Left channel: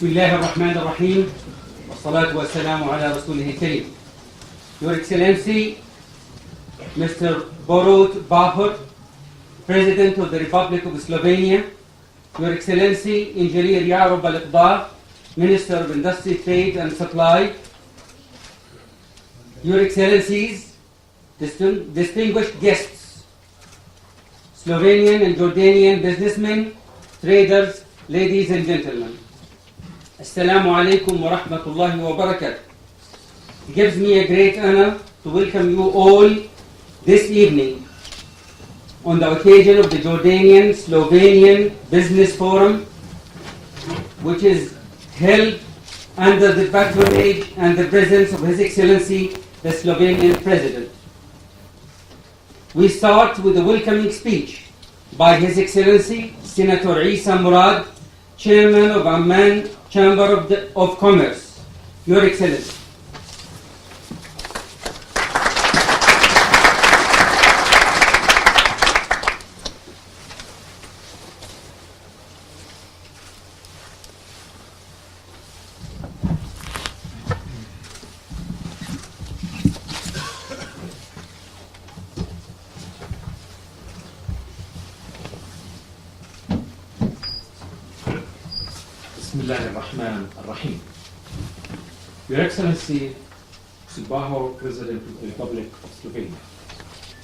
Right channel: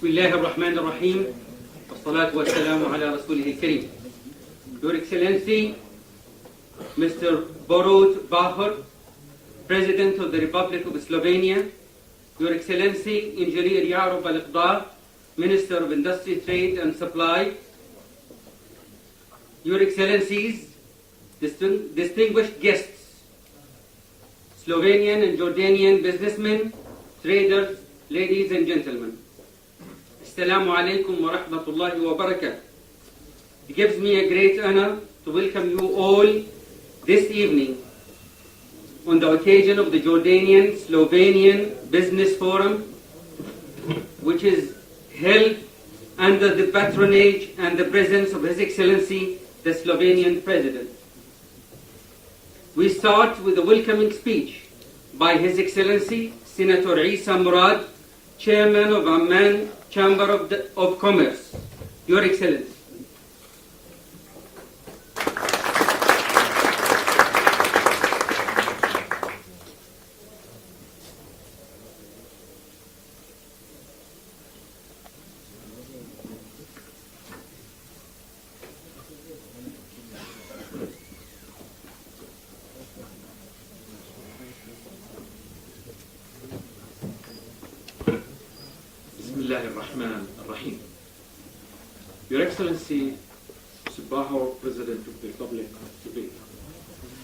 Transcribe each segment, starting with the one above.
بسم الله الرحمن الرحيم والصلاة والسلام على رسوله الكريم. Your Excellency, Mr. Borut Bahur, President of the Republic of Slovenia, Your Excellency, Engineer Yarub Al-Iqbar, Minister of Industry, Trade and Supply, Your Excellencies, distinguished guests, Slovenian and Jordanian businessmen, traders, ladies and gentlemen. Assalamu alaikum wa rahmatullahi wa barakatuh. It gives me a great honor to welcome you all this evening on the occasion of the Jordanian-Slovenian Business Forum, which is held under the patronage and the presence of His Excellency, the Slovenian President. We start with a welcoming speech by His Excellency, Senator Isa Murad, Chairman of Amman Chamber of Commerce. Your Excellency. Bismillahirrahmanirrahim. Your Excellency, Mr. Bahur, President of the Republic of Slovenia,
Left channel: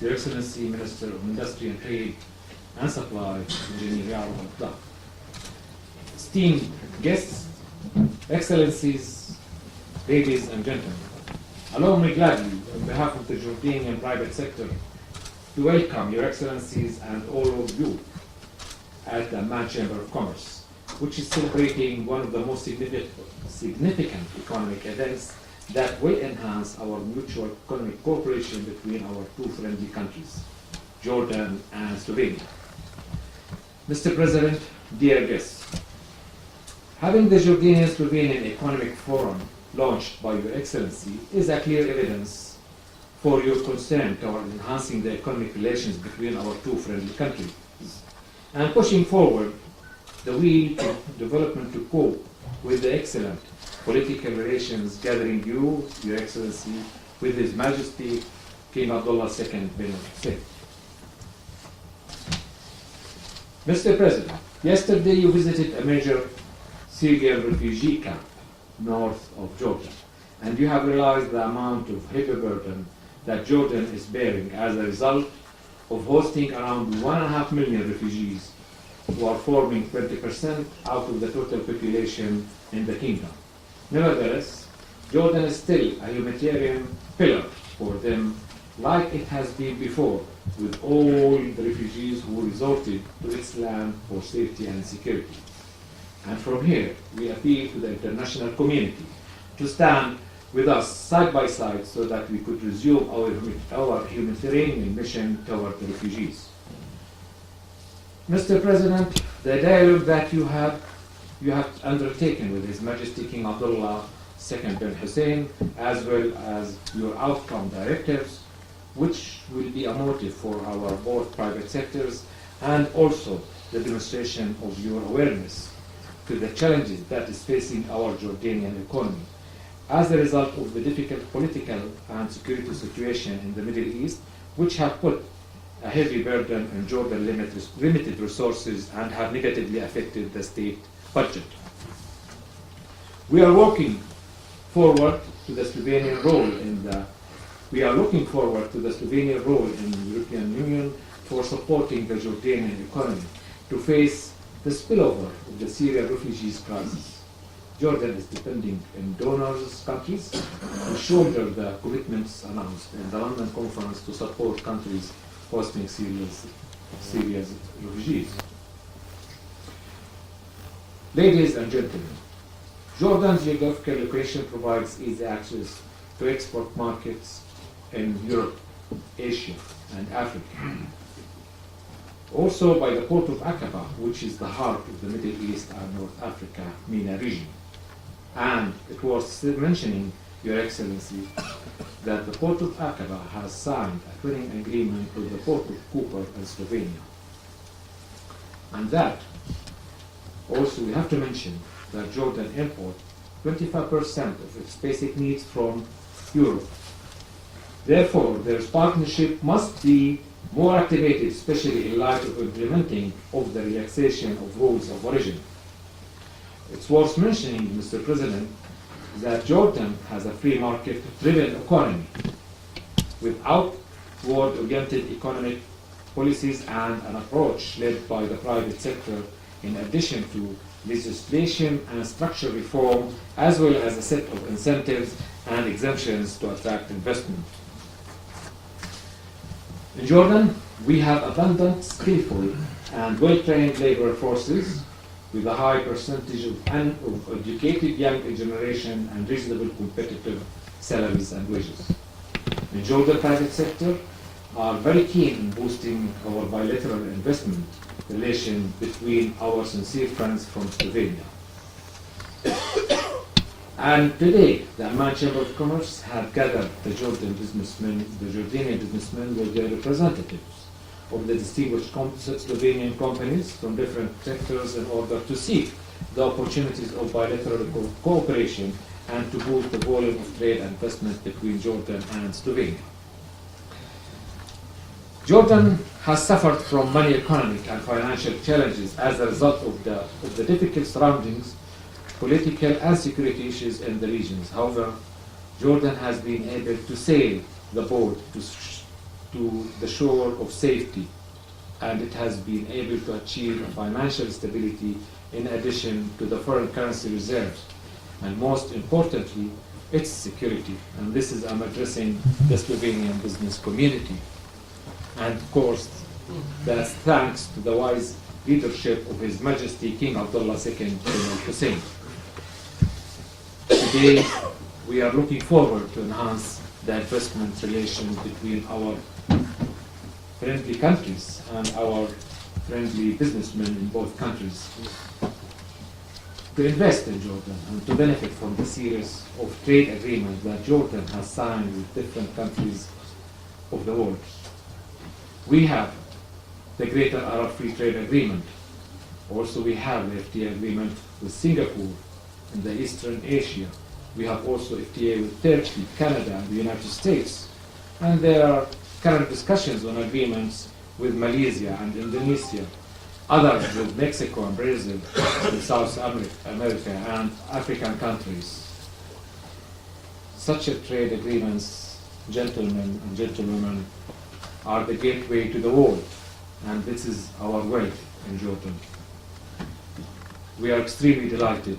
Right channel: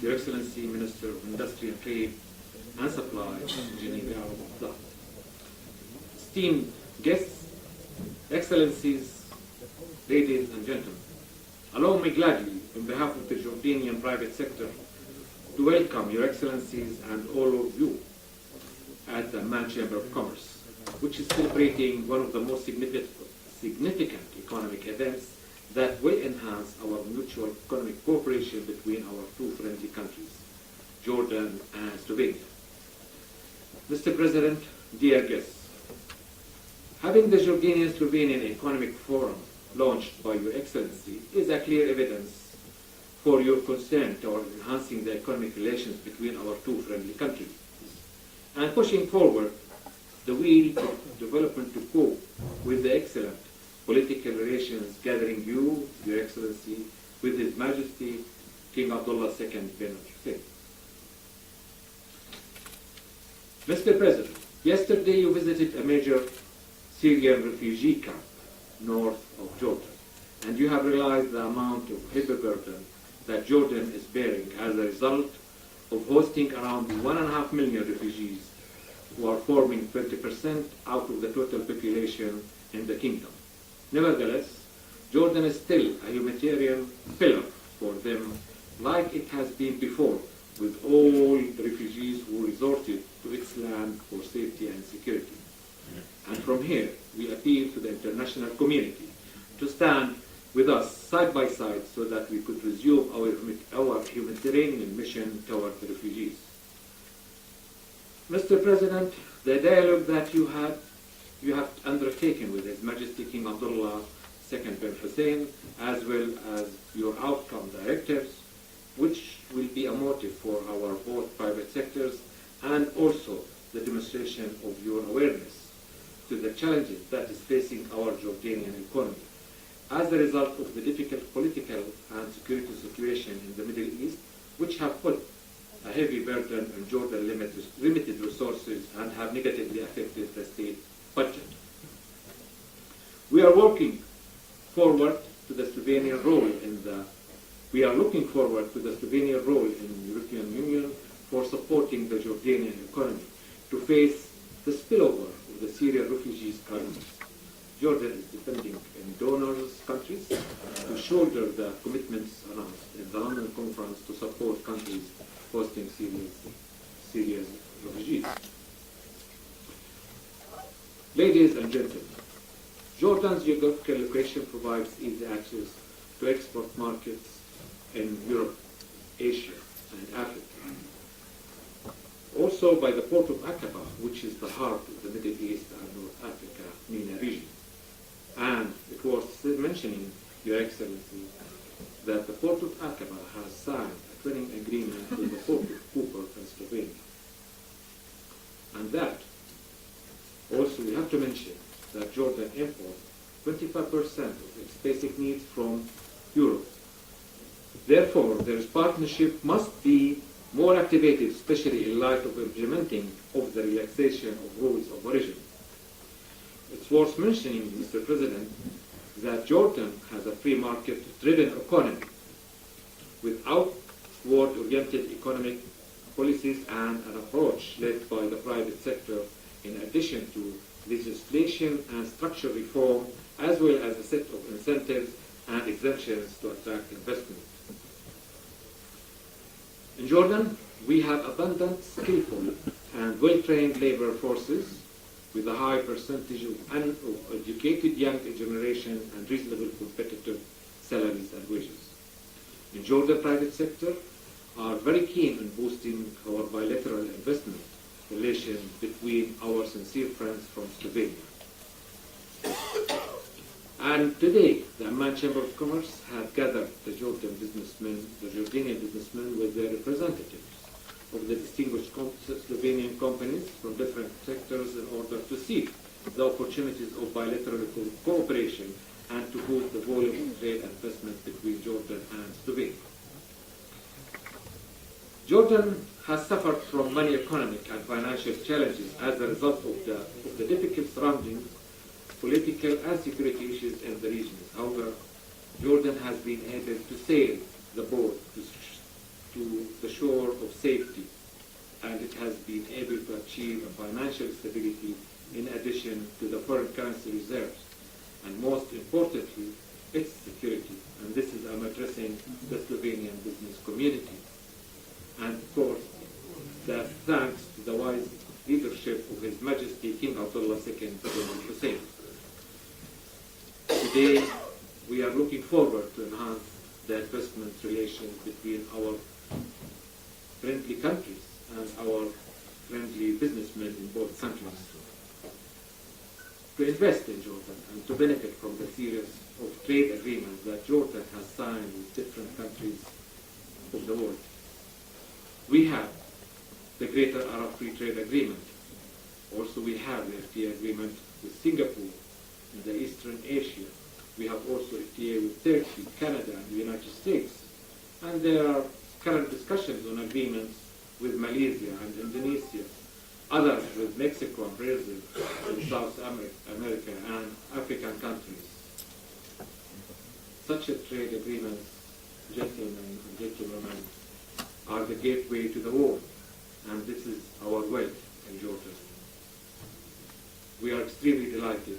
Your Excellency, Minister of Industry and Trade and Supply, Engineer Yarub Al-Iqbar, esteemed guests, Excellencies, ladies and gentlemen, allow me gladly, on behalf of the Jordanian private sector, to welcome Your Excellencies and all of you at the Amman Chamber of Commerce, which is celebrating one of the most significant economic events that will enhance our mutual economic cooperation between our two friendly countries, Jordan and Slovenia. Mr. President, dear guests, having the Jordanian-Slovenian Economic Forum launched by Your Excellency is a clear evidence for your concern toward enhancing the economic relations between our two friendly countries and pushing forward the wheel to development to cope with the excellent political relations gathering you, Your Excellency, with His Majesty King Abdullah II bin Hussein. Mr. President, yesterday you visited a major Syrian refugee camp north of Jordan, and you have realized the amount of heavy burden that Jordan is bearing as a result of hosting around 1.5 million refugees who are forming 20% out of the total population in the kingdom. Nevertheless, Jordan is still a humanitarian pillar for them, like it has been before, with all the refugees who resorted to its land for safety and security. And from here, we appeal to the international community to stand with us side by side so that we could resume our humanitarian mission toward the refugees. Mr. President, the dialogue that you have undertaken with His Majesty King Abdullah II bin Hussein, as well as your outcome directives, which will be a motive for our both private sectors, and also the demonstration of your awareness to the challenges that is facing our Jordanian economy as a result of the difficult political and security situation in the Middle East, which have put a heavy burden on Jordan's limited resources and have negatively affected the state budget. We are looking forward to the Slovenian role in the European Union for supporting the Jordanian economy to face the spillover of the Syrian refugees crisis. Jordan is depending on donors countries to shoulder the commitments announced in the London conference to support countries hosting Syria's refugees. Ladies and gentlemen, Jordan's geographical location provides easy access to export markets in Europe, Asia, and Africa. Also by the port of Aqaba, which is the heart of the Middle East and North Africa MENA region. And it was mentioning, Your Excellency, that the port of Aqaba has signed a twinning agreement with the port of Cooper in Slovenia. And that, also we have to mention that Jordan imports 25% of its basic needs from Europe. Therefore, their partnership must be more activated, especially in light of implementing of the relaxation of rules of origin. It's worth mentioning, Mr. President, that Jordan has a free market-driven economy with outward-oriented economic policies and an approach led by the private sector, in addition to legislation and structural reform, as well as a set of incentives and exemptions to attract investment. In Jordan, we have abundant, skillful, and well-trained labor forces with a high percentage of educated young generation and reasonable competitive salaries and wages. The Jordan private sector are very keen in boosting our bilateral investment relation between our sincere friends from Slovenia. And today, the Amman Chamber of Commerce have gathered the Jordanian businessmen with their representatives of the distinguished Slovenian companies from different sectors in order to seek the opportunities of bilateral cooperation and to boost the volume of trade and investment between Jordan and Slovenia. Jordan has suffered from many economic and financial challenges as a result of the difficult surroundings, political and security issues in the regions. However, Jordan has been able to sail the boat to the shore of safety, and it has been able to achieve financial stability in addition to the foreign currency reserves, and most importantly, its security. And this is, I'm addressing the Slovenian business community. And of course, that's thanks to the wise leadership of His Majesty King Abdullah II bin Hussein. Today, we are looking forward to enhance the investment relation between our friendly countries and our friendly businessmen in both countries to invest in Jordan and to benefit from the series of trade agreements that Jordan has signed with different countries of the world. We have the Greater Arab Free Trade Agreement. Also, we have the FTA agreement with Singapore in the Eastern Asia. We have also FTA with Turkey, Canada, and the United States. And there are current discussions on agreements with Malaysia and Indonesia, others with Mexico and Brazil, with South America and African countries. Such trade agreements gentlemen and gentlewomen, are the gateway to the world, and this is our way in Jordan. We are extremely delighted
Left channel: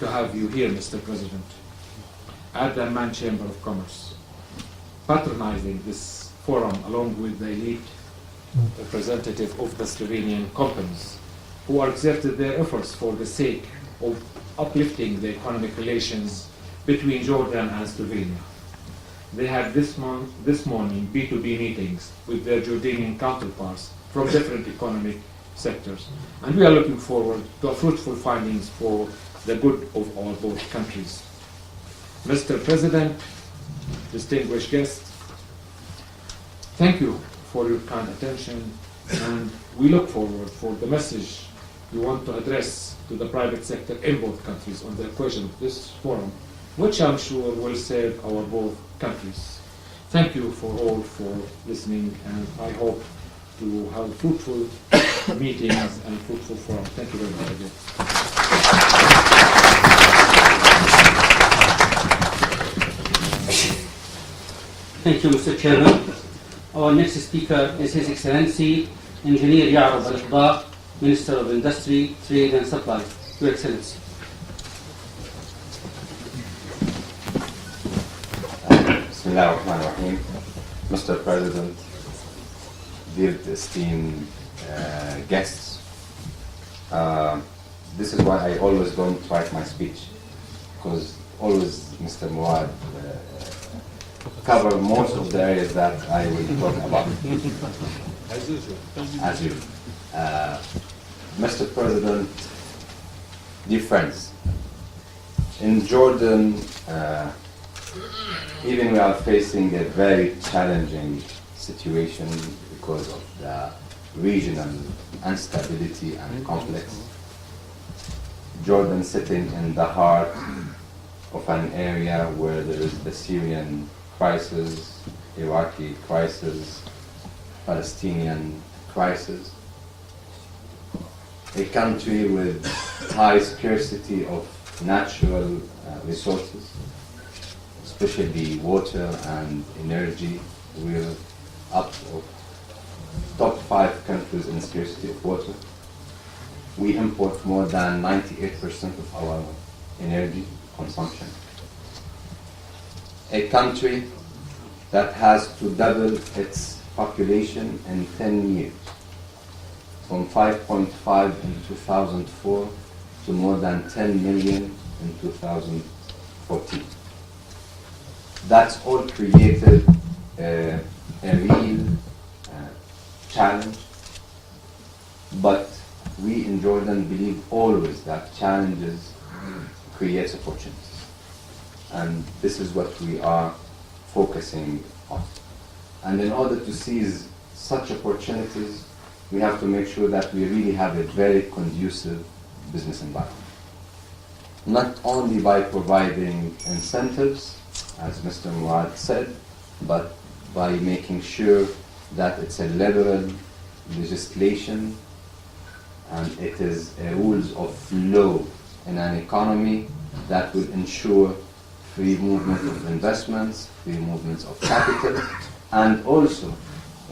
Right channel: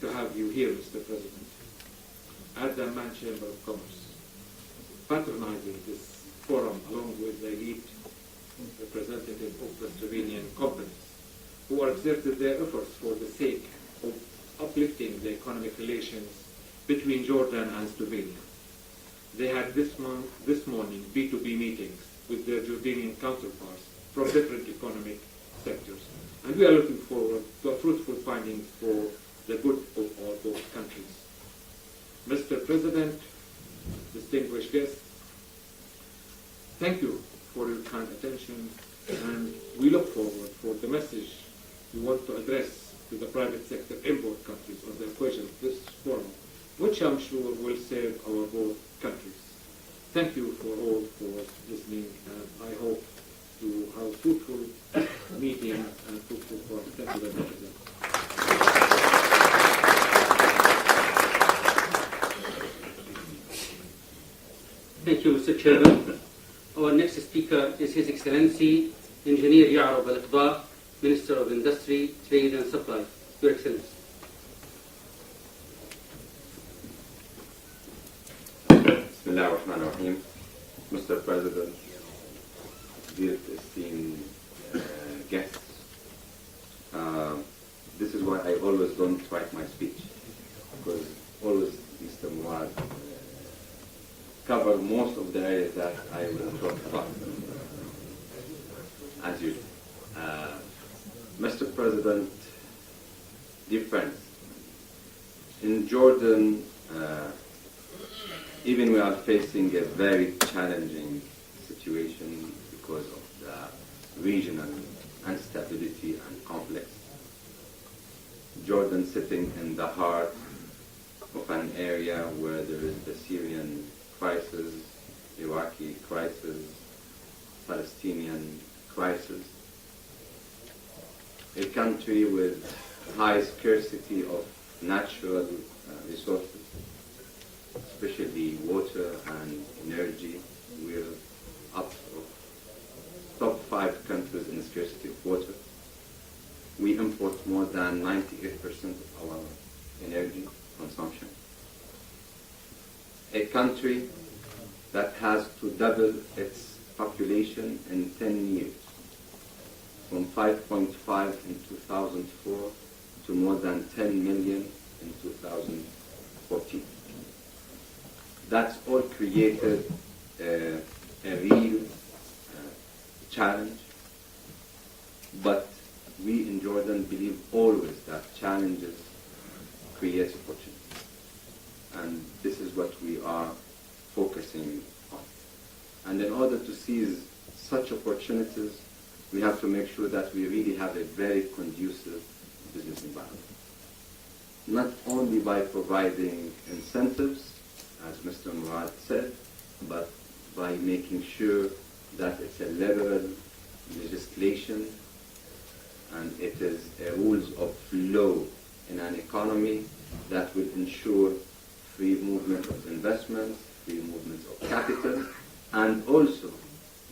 to have you here, Mr. President, at the Amman Chamber of Commerce, patronizing this forum along with the elite representative of the Slovenian companies who are exerted their efforts for the sake of uplifting the economic relations between Jordan and Slovenia. They had this morning B2B meetings with their Jordanian counterparts from different economic sectors, and we are looking forward to fruitful findings for the good of our both countries. Mr. President, distinguished guests, thank you for your kind attention, and we look forward for the message you want to address to the private sector in both countries on the occasion of this forum, which I'm sure will serve our both countries. Thank you for all for listening, and I hope to have fruitful meetings and fruitful forum. Thank you very much again. Thank you, Mr. Chairman. Our next speaker is His Excellency Engineer Ya'rub Al-Qada, Minister of Industry, Trade and Supply. Your Excellency. Bismillah ar-Rahman ar-Rahim. Mr. President, dear esteemed guests, this is why I always don't write my speech, because always Mr. Muad cover most of the areas that I will talk about. As usual. As usual. Mr. President, dear friends, in Jordan, even we are facing a very challenging situation because of the regional instability and conflicts. Jordan sitting in the heart of an area where there is the Syrian crisis, Iraqi crisis, Palestinian crisis. A country with high scarcity of natural resources, especially water and energy. We're up of top 5 countries in scarcity of water. We import more than 98% of our energy consumption. A country that has to double its population in 10 years, from 5.5 in 2004 to more than 10 million in 2014. That's all created a real challenge, but we in Jordan believe always that challenges create opportunities. And this is what we are focusing on. And in order to seize such opportunities, we have to make sure that we really have a very conducive business environment. Not only by providing incentives, as Mr. Muad said, but by making sure that it's a liberal legislation and it is a rules of law in an economy that will ensure free movement of investments, free movements of capital, and also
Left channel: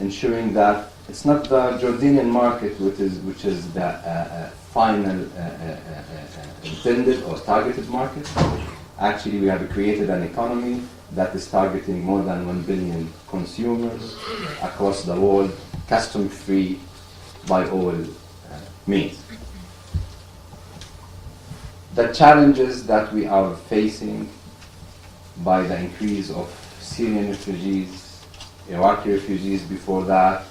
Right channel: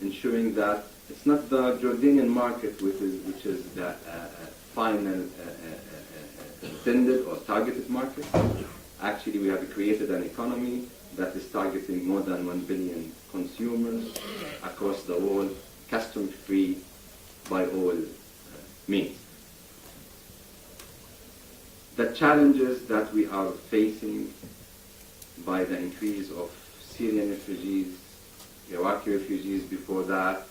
ensuring that it's not the Jordanian market which is the final intended or targeted market. Actually, we have created an economy that is targeting more than 1 billion consumers across the world, custom-free by all means. The challenges that we are facing by the increase of Syrian refugees, Iraqi refugees before that,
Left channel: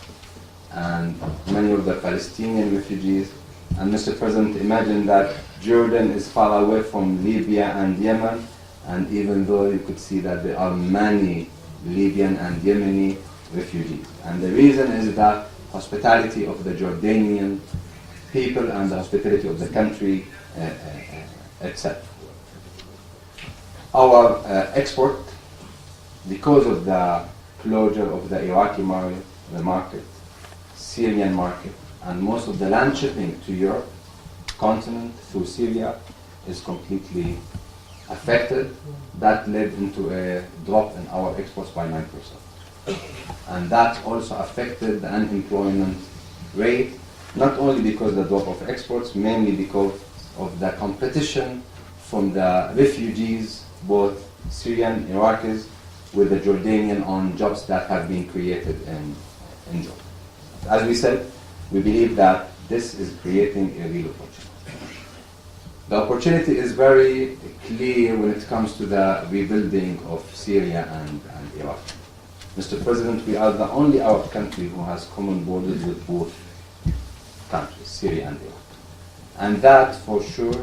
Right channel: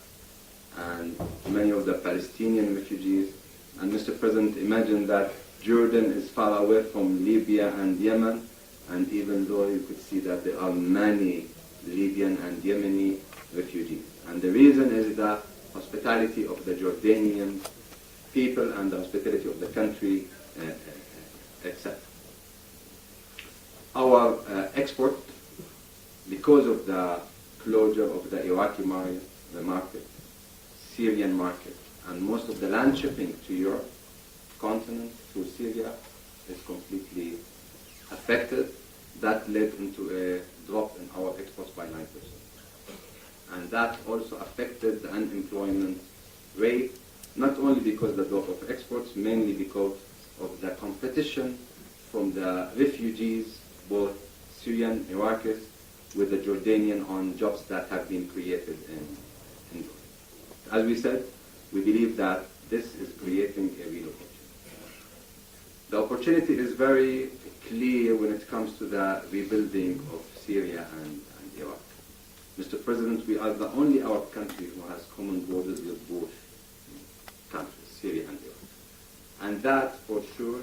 and many of the Palestinian refugees. And Mr. President, imagine that Jordan is far away from Libya and Yemen, and even though you could see that there are many Libyan and Yemeni refugees. And the reason is that hospitality of the Jordanian people and the hospitality of the country, etc. Our export, because of the closure of the Iraqi market, Syrian market, and most of the land shipping to Europe continent through Syria is completely affected, that led into a drop in our exports by 9%. And that also affected the unemployment rate, not only because of the drop of exports, mainly because of the competition from the refugees, both Syrian, Iraqis, with the Jordanian on jobs that have been created in Jordan. As we said, we believe that this is creating a real opportunity. The opportunity is very clear when it comes to the rebuilding of Syria and Iraq. Mr. President, we are the only Arab country who has common borders with both countries, Syria and Iraq. And that, for sure,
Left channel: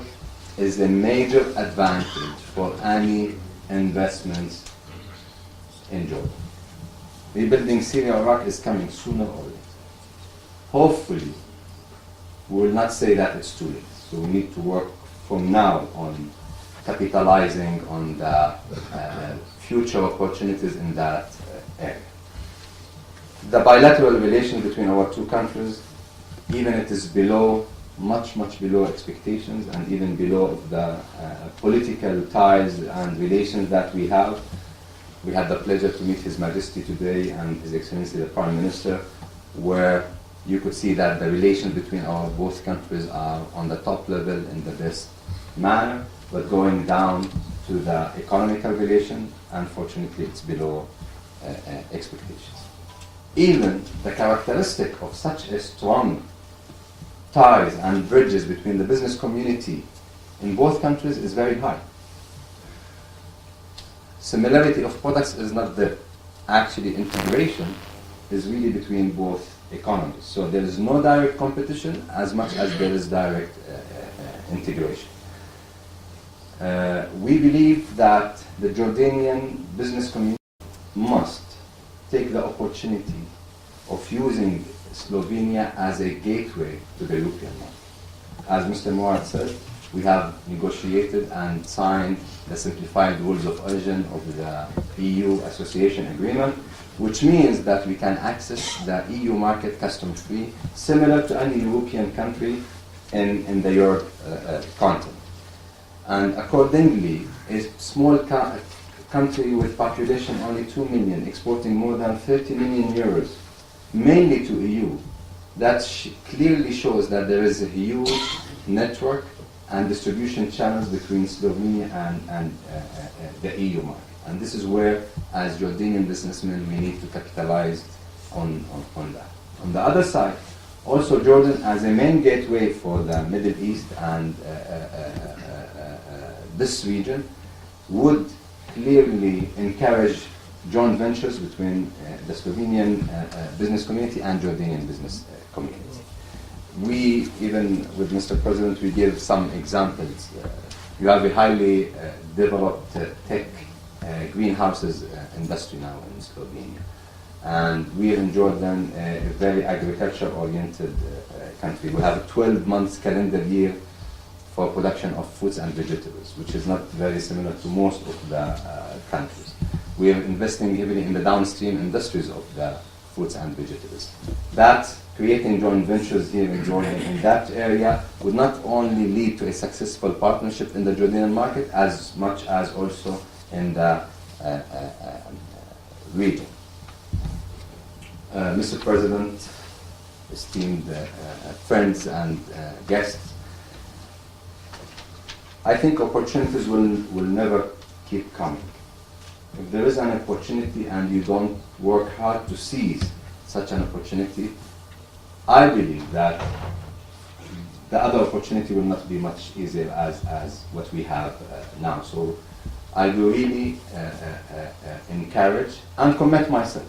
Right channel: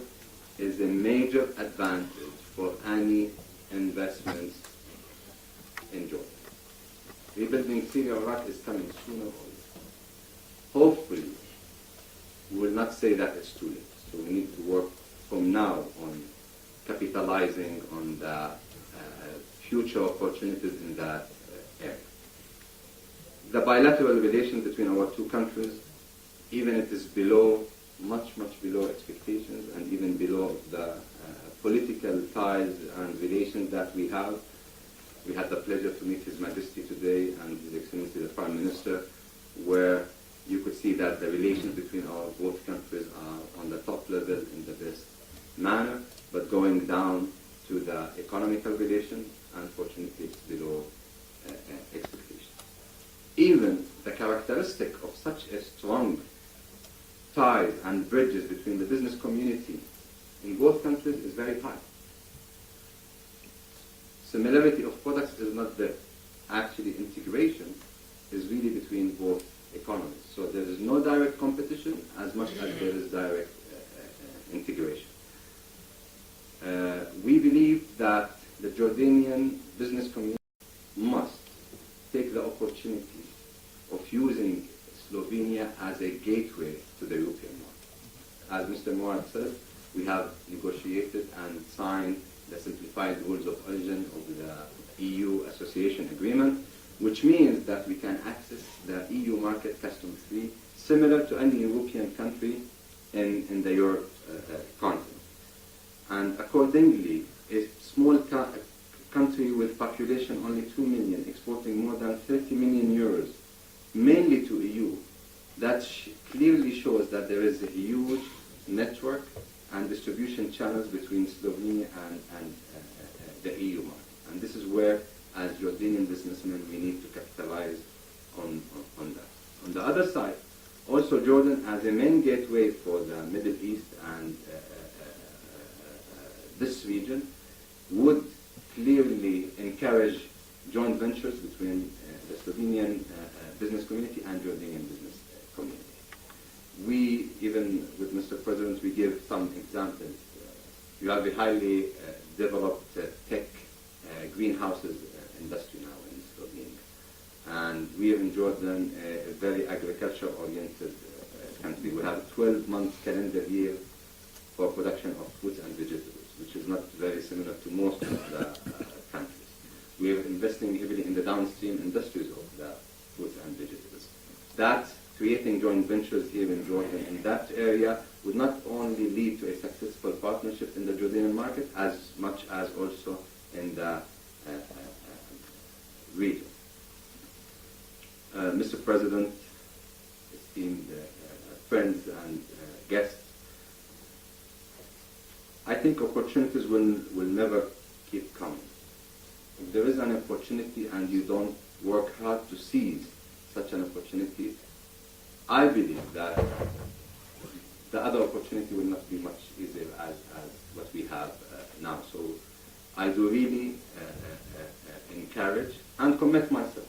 is a major advantage for any investments in Jordan. Rebuilding Syria or Iraq is coming sooner or later. Hopefully, we will not say that it's too late. So we need to work from now on capitalizing on the future opportunities in that area. The bilateral relation between our two countries, even it is below, much below expectations and even below the political ties and relations that we have. We had the pleasure to meet His Majesty today and His Excellency the Prime Minister, where you could see that the relations between our both countries are on the top level in the best manner, but going down to the economical relation, unfortunately it's below expectations. Even the characteristic of such a strong ties and bridges between the business community in both countries is very high. Similarity of products is not there. Actually, integration is really between both economies. So there is no direct competition as much as there is direct integration. We believe that the Jordanian business community must take the opportunity of using Slovenia as a gateway to the European market. As Mr. Mourad said, we have negotiated and signed the simplified rules of origin of the EU association agreement, which means that we can access the EU market custom-free, similar to any European country in the Europe continent. And accordingly, a small country with population only 2 million, exporting more than 30 million euros, mainly to EU, that clearly shows that there is a huge network and distribution channels between Slovenia and the EU market. And this is where, as Jordanian businessmen, we need to capitalize on that. On the other side, also Jordan as a main gateway for the Middle East and this region would clearly encourage joint ventures between the Slovenian business community and Jordanian business community. We, even with Mr. President, we give some examples. You have a highly developed tech greenhouses industry now in Slovenia. And we in Jordan, a very agriculture-oriented country. We have a 12-month calendar year for production of fruits and vegetables, which is not very similar to most of the countries. We are investing heavily in the downstream industries of the fruits and vegetables. That creating joint ventures here in Jordan in that area would not only lead to a successful partnership in the Jordanian market, as much as also in the region. Mr. President, esteemed friends and guests, I think opportunities will never keep coming. If there is an opportunity and you don't work hard to seize such an opportunity, I believe that the other opportunity will not be much easier as what we have now. So I will really encourage and commit myself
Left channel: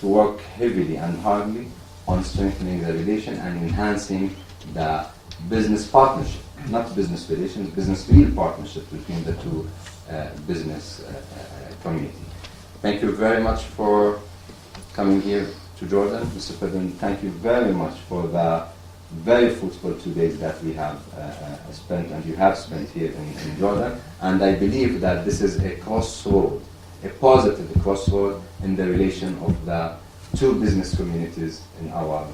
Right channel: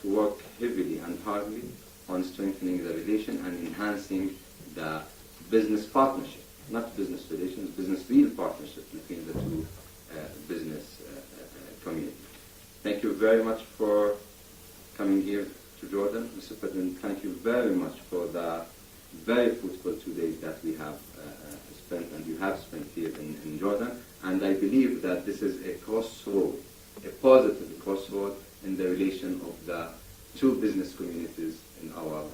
to work heavily and hardly on strengthening the relation and enhancing the business partnership, not business relations, business real partnership between the two business community. Thank you very much for coming here to Jordan. Mr. President, thank you very much for the very fruitful 2 days that we have spent and you have spent here in Jordan. And I believe that this is a crossroad, a positive crossroad in the relation of the two business communities in our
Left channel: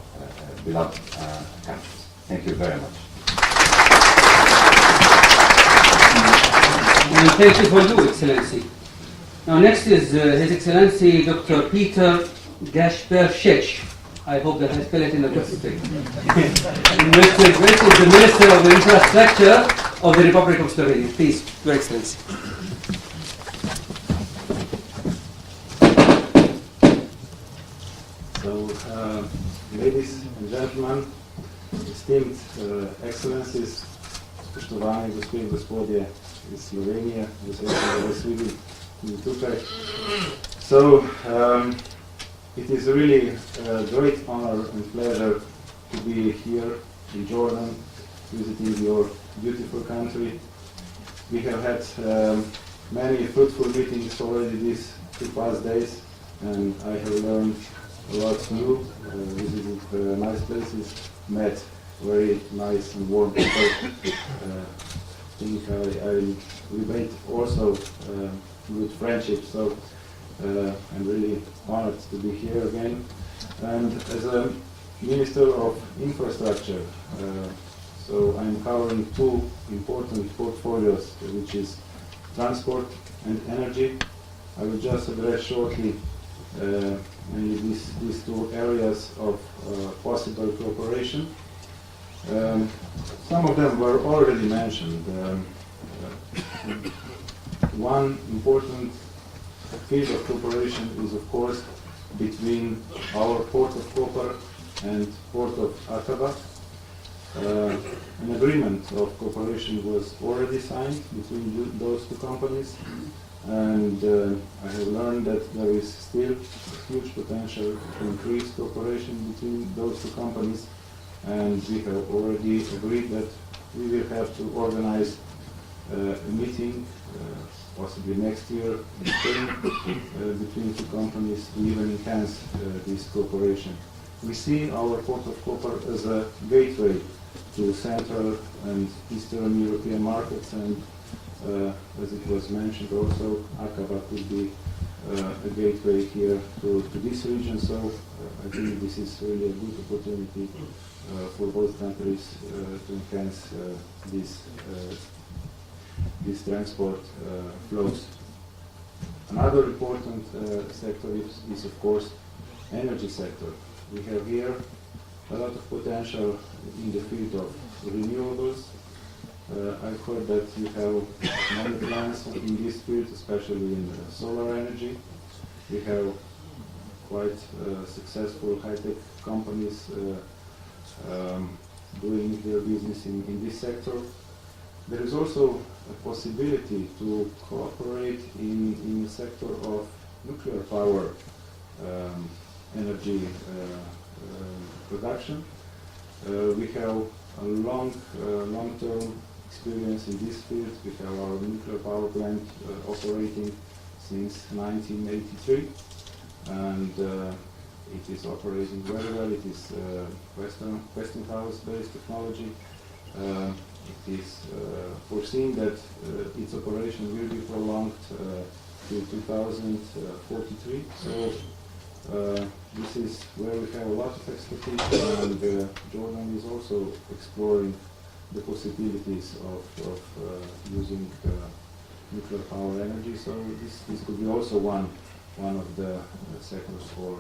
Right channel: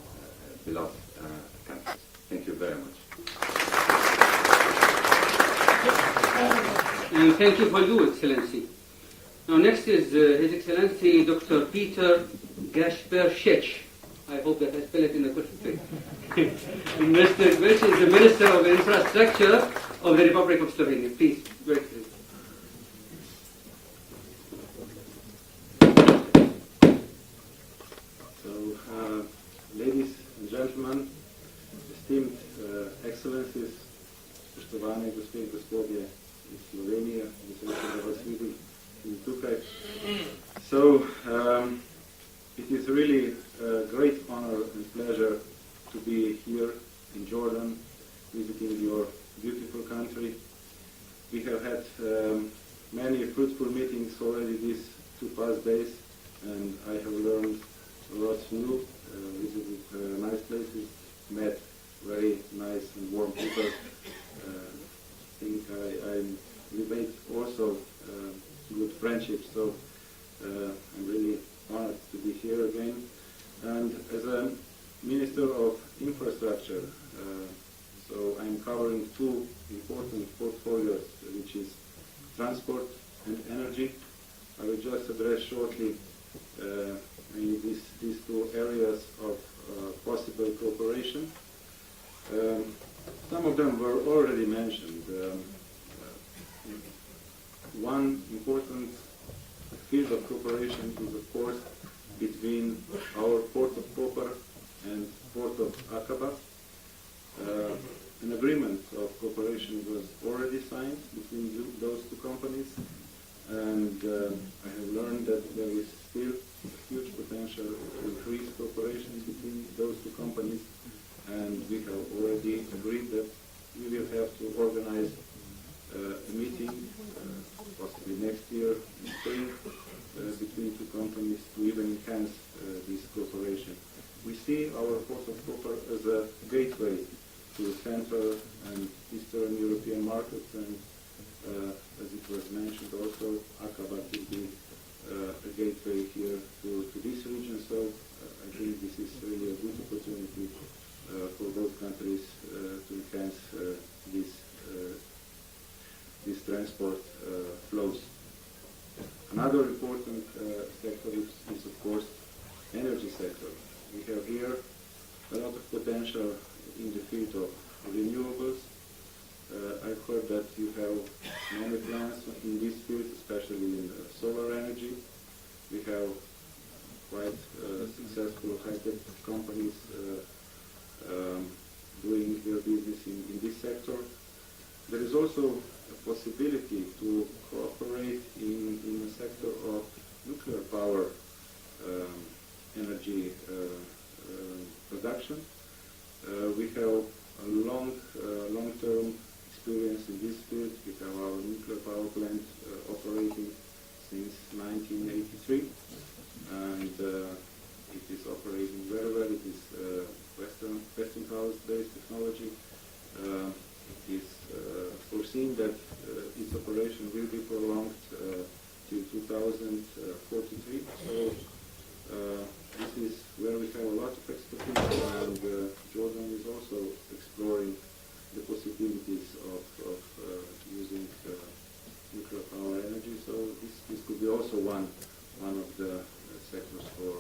beloved countries. Thank you very much. And thank you for you, Excellency. Now next is His Excellency Dr. Peter Gashpershich. I hope that I spell it in the correct way. Mr. Grit is the Minister of Infrastructure of the Republic of Slovenia. Please, Your Excellency. So, ladies and gentlemen, esteemed excellencies, spoštovane gospe in gospodje iz Slovenije, vesel sem, da vas vidim tudi tukaj. So, it is really a great honor and pleasure to be here in Jordan, visiting your beautiful country. We have had many fruitful meetings already these 2 past days, and I have learned a lot new, visited nice places, met very nice and warm people. I think I made also good friendships, so I'm really honored to be here again. And as a Minister of Infrastructure, so I'm covering 2 important portfolios, which is transport and energy. I will just address shortly mainly these 2 areas of possible cooperation. Some of them were already mentioned. One important field of cooperation is, of course, between our port of Koper and port of Aqaba. An agreement of cooperation was already signed between those 2 companies, and I have learned that there is still huge potential to increase cooperation between those 2 companies, and we have already agreed that we will have to organize a meeting possibly next year in Spain between 2 companies to even enhance this cooperation. We see our port of Koper as a gateway to Central and Eastern European markets, and as it was mentioned also, Aqaba could be a gateway here to this region, so I think this is really a good opportunity for both countries to enhance these transport flows. Another important sector is of course energy sector. We have here a lot of potential in the field of renewables. I've heard that you have many plans in this field, especially in solar energy. We have quite successful high-tech companies doing their business in this sector. There is also a possibility to cooperate in the sector of nuclear power energy production. We have a long-term experience in this field. We have our nuclear power plant operating since 1983, and it is operating very well. It is Westinghouse-based technology. It is foreseen that its operation will be prolonged to 2043. So this is where we have a lot of expertise, and Jordan is also exploring the possibilities of using nuclear power energy. So this could be also one of the sectors for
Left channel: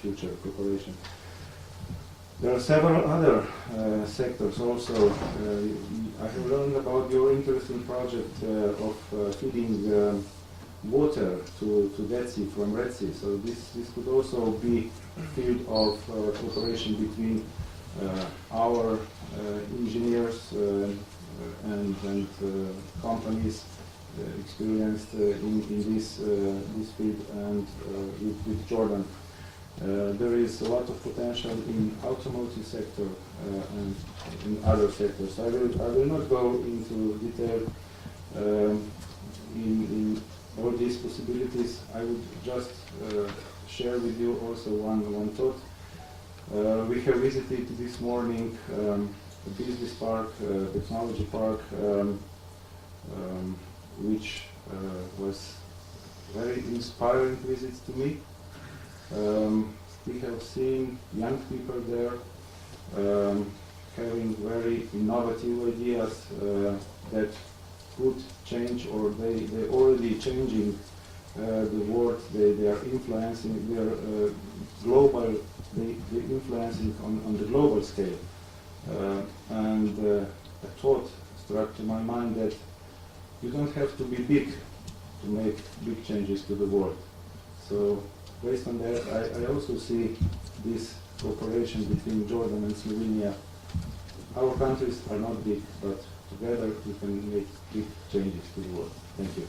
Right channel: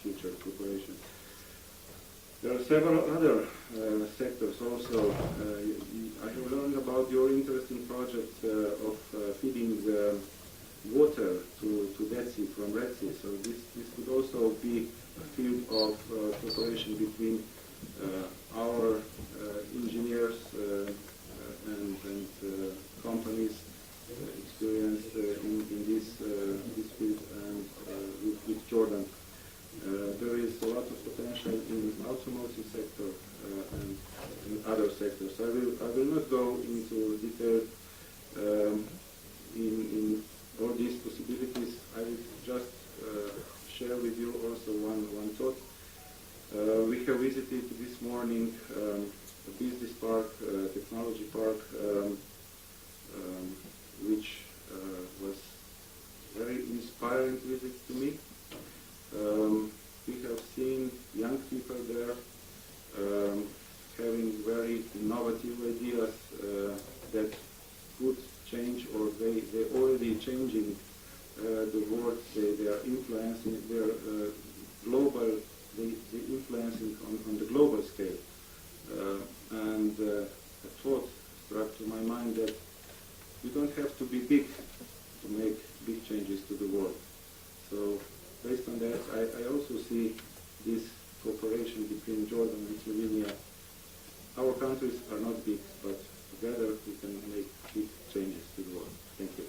future cooperation. There are several other sectors also. I have learned about your interesting project of feeding water to Dead Sea from Red Sea. So this could also be a field of cooperation between our engineers and companies experienced in this field and with Jordan. There is a lot of potential in automotive sector and in other sectors. I will not go into detail in all these possibilities. I would just share with you also one thought. We have visited this morning a business park, technology park, which was very inspiring visit to me. We have seen young people there having very innovative ideas that could change, or they already changing the world. They are influencing. They are global. They influencing on the global scale. And a thought struck to my mind that you don't have to be big to make big changes to the world. So based on that, I also see this cooperation between Jordan and Slovenia. Our countries are not big, but together we can make big changes to the world. Thank you.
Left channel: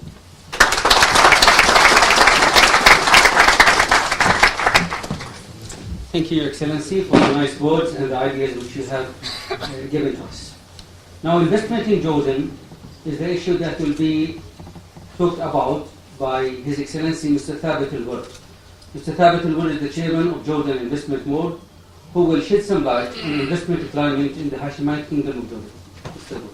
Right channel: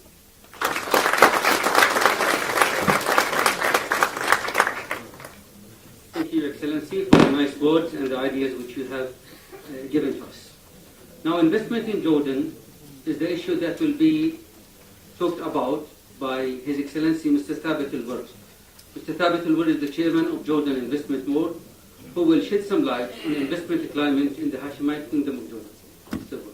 Thank you, Your Excellency, for the nice words and the ideas which you have given to us. Now, investment in Jordan is the issue that will be talked about by His Excellency Mr. Thabit Al-Ward. Mr. Thabit Al-Ward is the chairman of Jordan Investment Board, who will shed some light on investment climate in the Hashemite Kingdom of Jordan. Mr. Ward.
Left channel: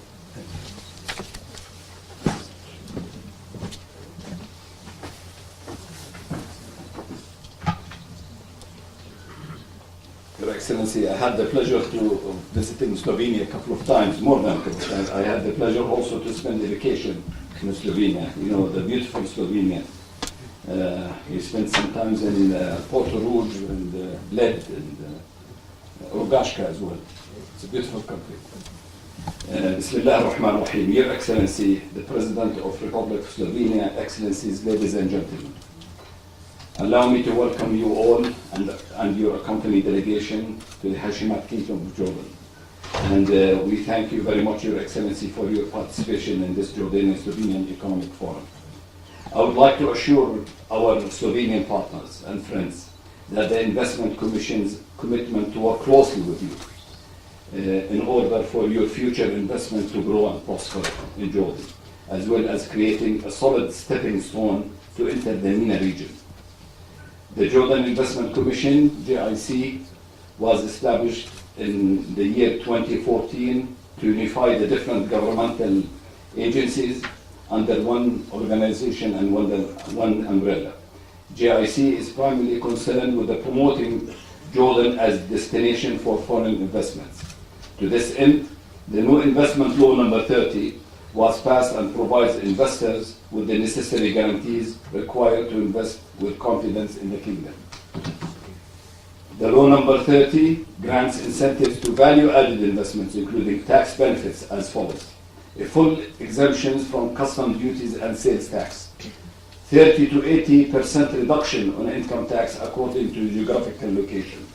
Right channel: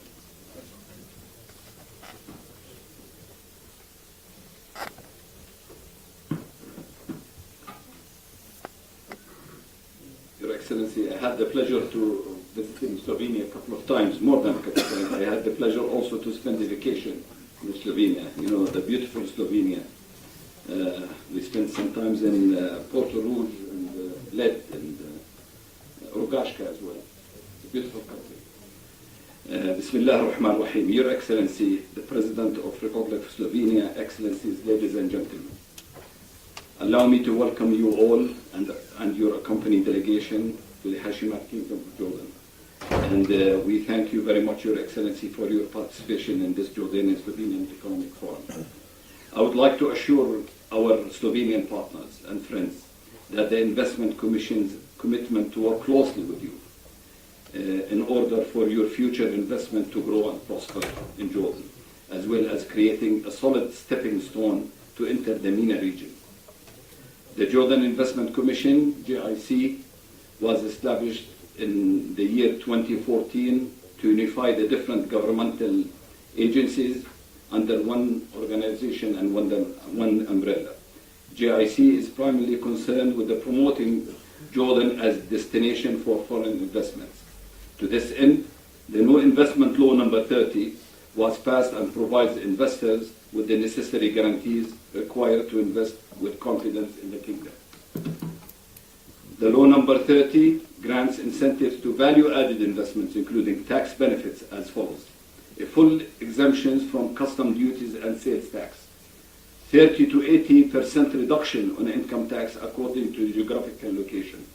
Your Excellency, I had the pleasure to visit in Slovenia a couple of times, more than a couple of times. I had the pleasure also to spend a vacation in Slovenia, you know, the beautiful Slovenia. We spent some time in Porto Rouge and Bled and Rogaška as well. It's a beautiful country. Bismillah ar-Rahman ar-Rahim. Your Excellency, the President of Republic of Slovenia, Excellencies, ladies and gentlemen. Allow me to welcome you all and your accompanying delegation to the Hashemite Kingdom of Jordan. And we thank you very much, Your Excellency, for your participation in this Jordanian-Slovenian Economic Forum. I would like to assure our Slovenian partners and friends that the Investment Commission's commitment to work closely with you in order for your future investment to grow and prosper in Jordan, as well as creating a solid stepping stone to enter the MENA region. The Jordan Investment Commission, JIC, was established in the year 2014 to unify the different governmental agencies under one organization and one umbrella. JIC is primarily concerned with the promoting Jordan as a destination for foreign investments. To this end, the new investment law number 30 was passed and provides investors with the necessary guarantees required to invest with confidence in the kingdom. The law number 30 grants incentives to value-added investments, including tax benefits as follows: a full exemptions from custom duties and sales tax, 30 to 80% reduction on income tax according to geographical location,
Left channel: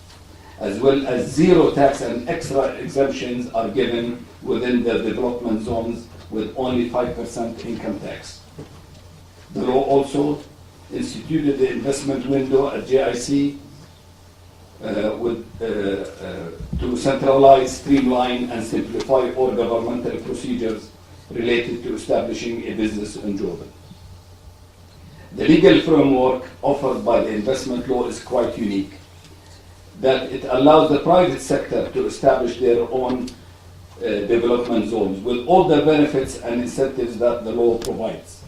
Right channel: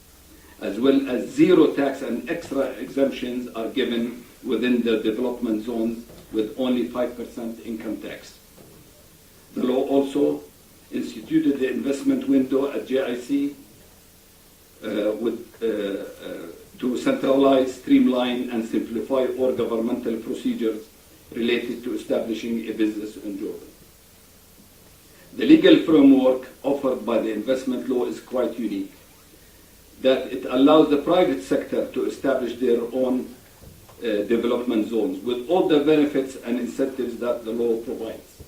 as well as zero tax and extra exemptions are given within the development zones with only 5% income tax. The law also instituted the investment window at JIC to centralize, streamline, and simplify all governmental procedures related to establishing a business in Jordan. The legal framework offered by the investment law is quite unique, that it allows the private sector to establish their own development zones with all the benefits and incentives that the law provides.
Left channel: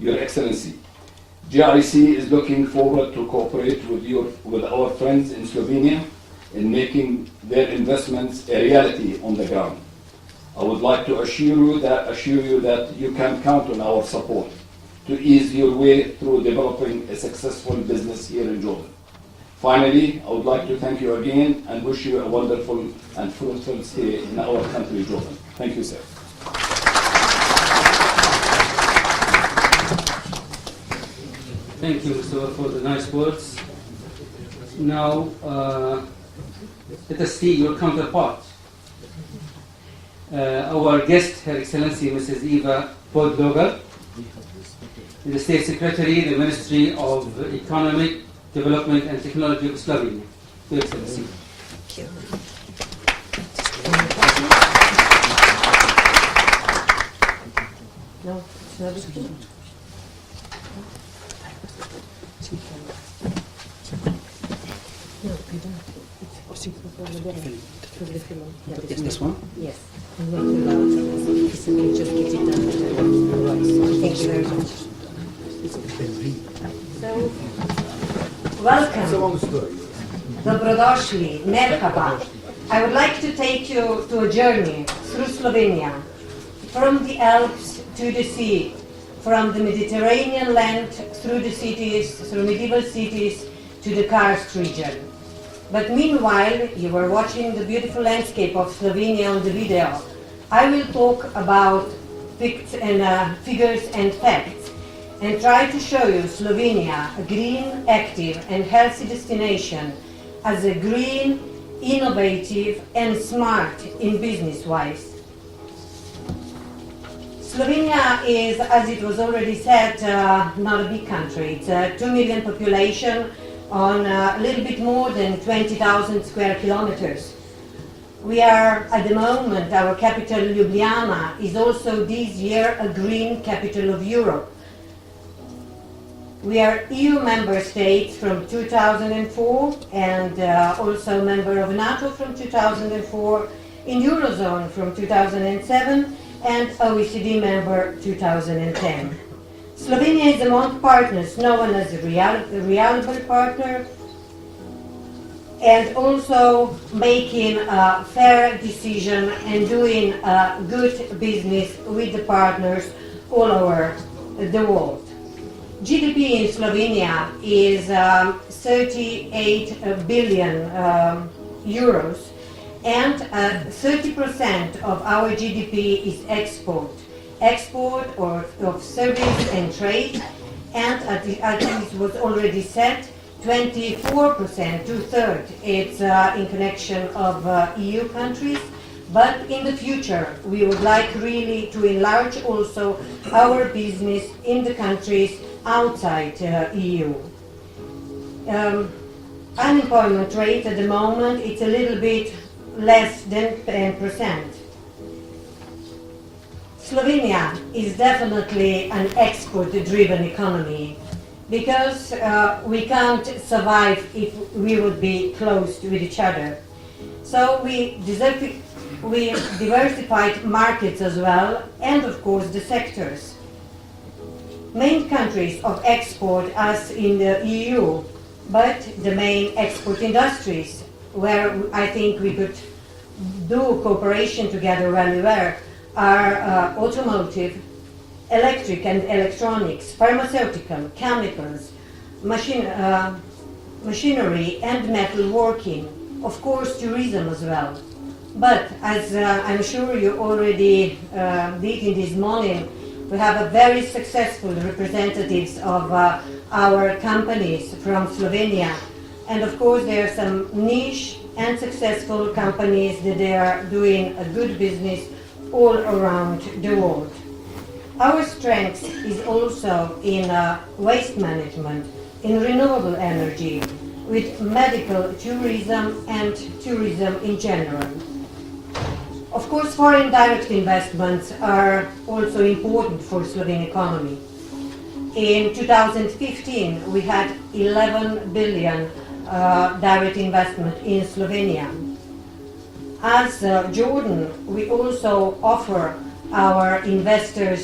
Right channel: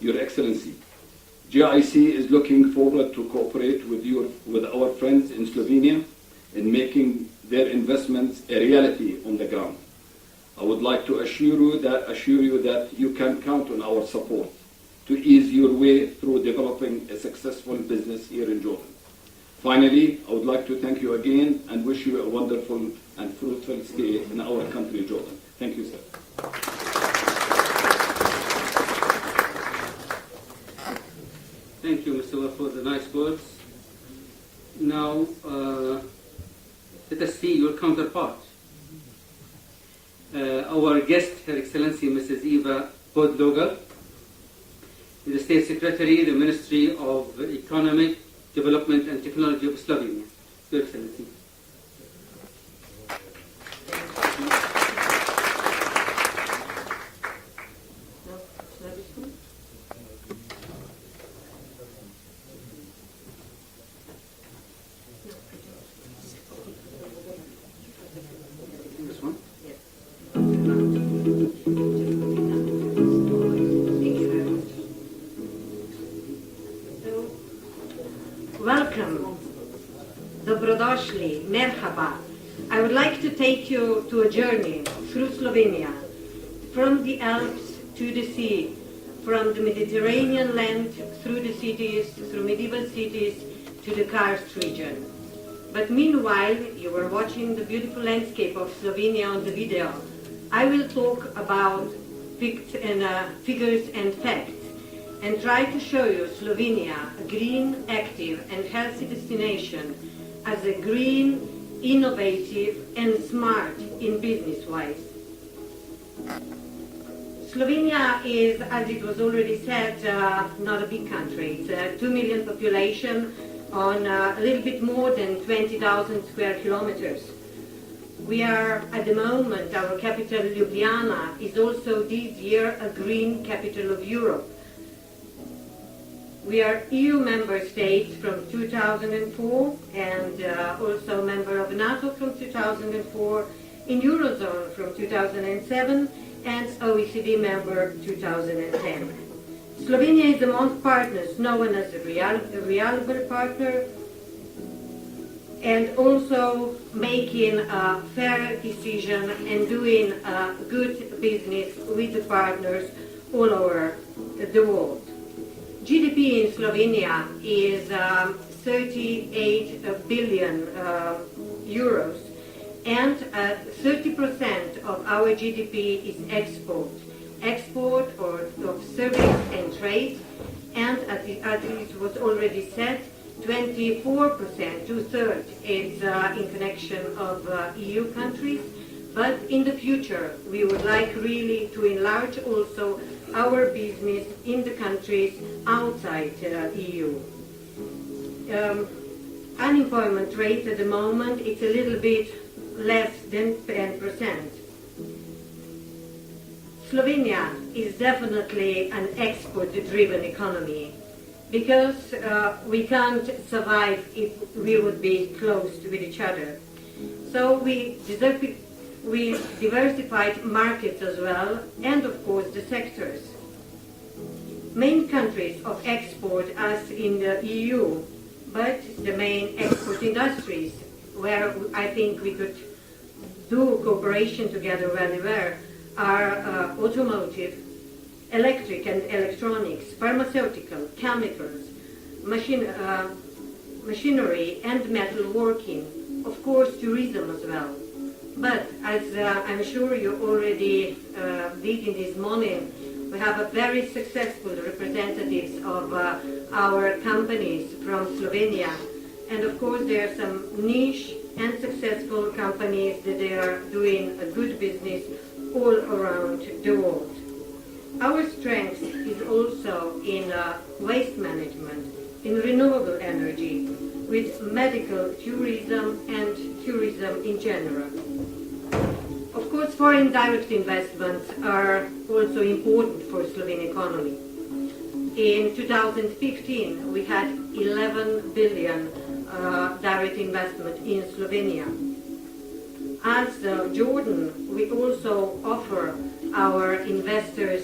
Your Excellency, JIC is looking forward to cooperate with our friends in Slovenia in making their investments a reality on the ground. I would like to assure you that you can count on our support to ease your way through developing a successful business here in Jordan. Finally, I would like to thank you again and wish you a wonderful and fruitful stay in our country, Jordan. Thank you, sir. Thank you, Mr. Ward, for the nice words. Now, let us see your counterpart. Our guest, Her Excellency Mrs. Eva Podlogar, the State Secretary, the Ministry of Economic Development and Technology of Slovenia. Your Excellency. No, it's not speaking. No, we don't. It's this one? Yes. Thank you very much. So, welcome. Dobrodošli. Merhaba. I would like to take you to a journey through Slovenia, from the Alps to the sea, from the Mediterranean land through the cities, through medieval cities, to the Karst region. But meanwhile, you were watching the beautiful landscape of Slovenia on the video. I will talk about figures and facts, and try to show you Slovenia, a green, active and healthy destination, as a green, innovative and smart in business-wise. Slovenia is, as it was already said, not a big country. It's a 2 million population on a little bit more than 20,000 square kilometers. We are, at the moment, our capital Ljubljana is also this year a green capital of Europe. We are EU member states from 2004 and also member of NATO from 2004, in Eurozone from 2007 and OECD member 2010. Slovenia is among partners known as a reliable partner and also making a fair decision and doing good business with the partners all over the world. GDP in Slovenia is 38 billion euros, and 30% of our GDP is export of service and trade, and as it was already said, 24%, two-thirds, it's in connection of EU countries. But in the future, we would like really to enlarge also our business in the countries outside EU. Unemployment rate at the moment, it's a little bit less than 10%. Slovenia is definitely an export-driven economy because we can't survive if we would be close with each other. So we diversified markets as well, and of course the sectors. Main countries of export as in the EU, but the main export industries where I think we could do cooperation together really well are automotive, electric and electronics, pharmaceutical, chemicals, machinery and metalworking, of course tourism as well. But as I'm sure you already did in this morning, we have a very successful representatives of our companies from Slovenia. And of course there are some niche and successful companies that they are doing a good business all around the world. Our strength is also in waste management, in renewable energy, with medical tourism and tourism in general. Of course, foreign direct investments are also important for Slovene economy. In 2015, we had 11 billion direct investment in Slovenia. As Jordan, we also offer our investors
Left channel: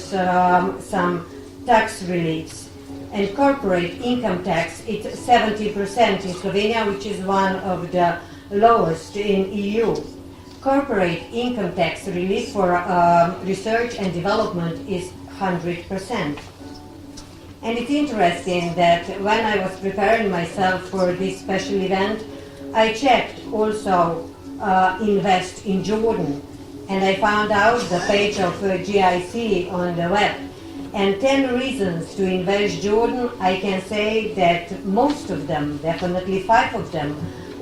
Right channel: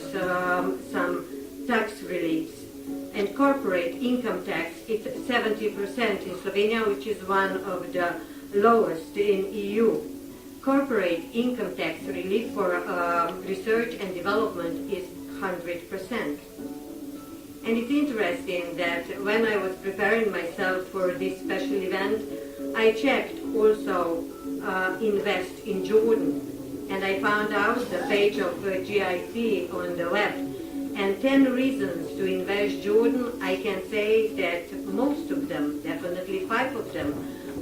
some tax reliefs. And corporate income tax, it's 70% in Slovenia, which is one of the lowest in EU. Corporate income tax relief for research and development is 100%. And it's interesting that when I was preparing myself for this special event, I checked also Invest in Jordan, and I found out the page of GIC on the web. And 10 reasons to invest Jordan, I can say that most of them, definitely 5 of them,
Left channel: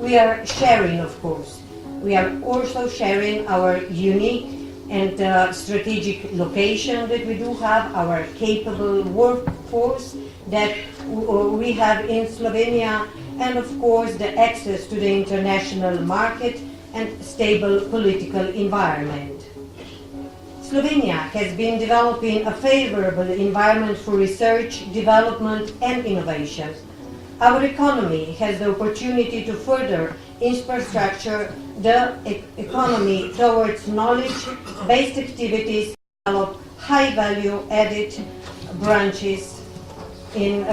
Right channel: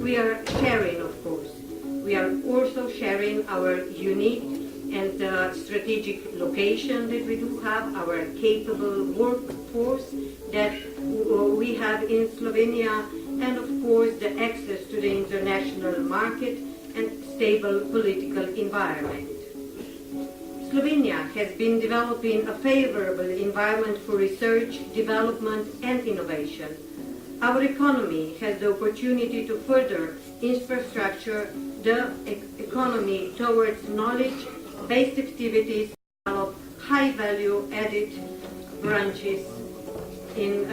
we are sharing, of course. We are also sharing our unique and strategic location that we do have, our capable workforce that we have in Slovenia, and of course the access to the international market and stable political environment. Slovenia has been developing a favorable environment for research, development and innovation. Our economy has the opportunity to further infrastructure the economy towards knowledge-based activities, develop high-value added branches in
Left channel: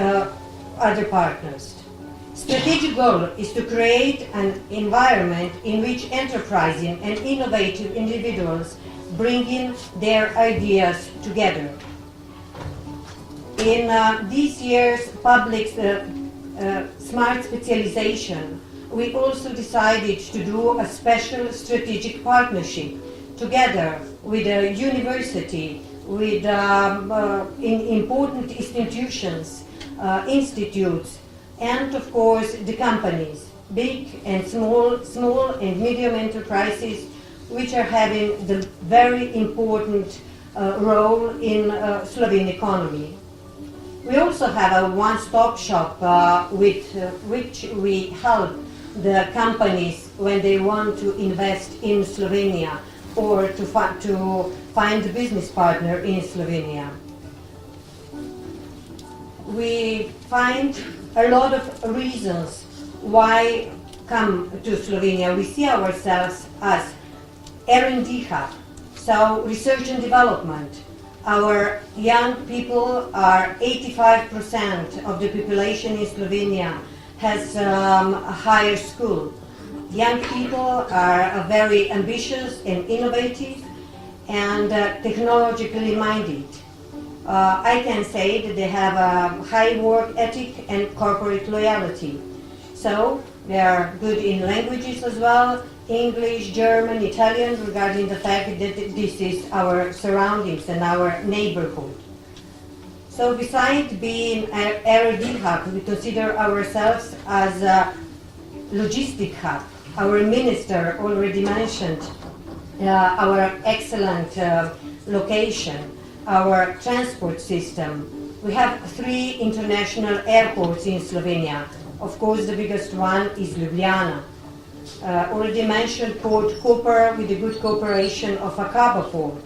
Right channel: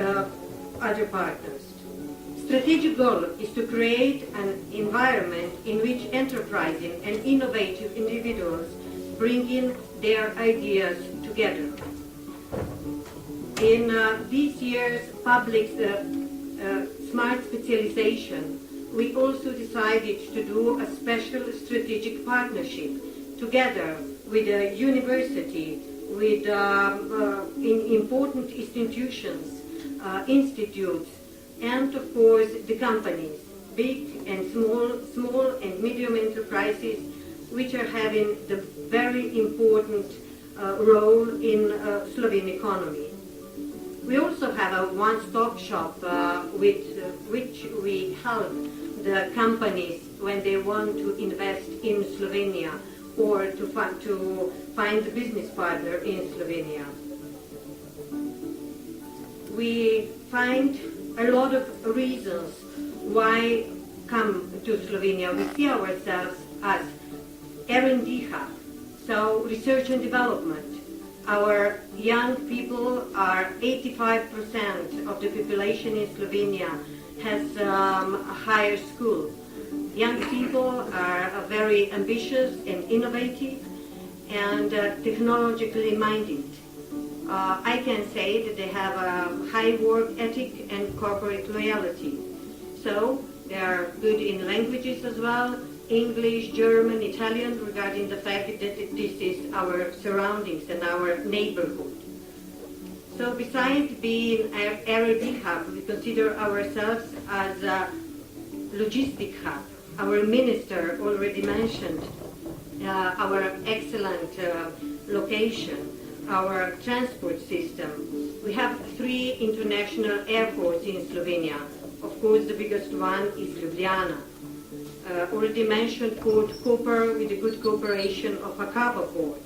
other partners. Strategic goal is to create an environment in which enterprising and innovative individuals bring in their ideas together. in this year's public smart specialization, we also decided to do a special strategic partnership together with a university, with important institutions, institutes, and of course the companies, big and small and medium enterprises, which are having the very important role in Slovene economy. We also have a one-stop shop with which we help the companies when they want to invest in Slovenia or to find a business partner in Slovenia. We find a lot of reasons why come to Slovenia. We see ourselves as R&D hub, so research and development. Our young people are 85% of the population in Slovenia has a higher school. Young people are very ambitious and innovative and technologically minded. I can say that they have a high work ethic and corporate loyalty. So they are good in languages as well, English, German, Italian, regarding the fact that this is our surroundings and our neighborhood. So besides being an R&D hub, we consider ourselves as a logistic hub. Our minister already mentioned our excellent location, our transport system. We have 3 international airports in Slovenia. Of course, the biggest one is Ljubljana. Already mentioned Port Koper with the good cooperation of Akaba Port.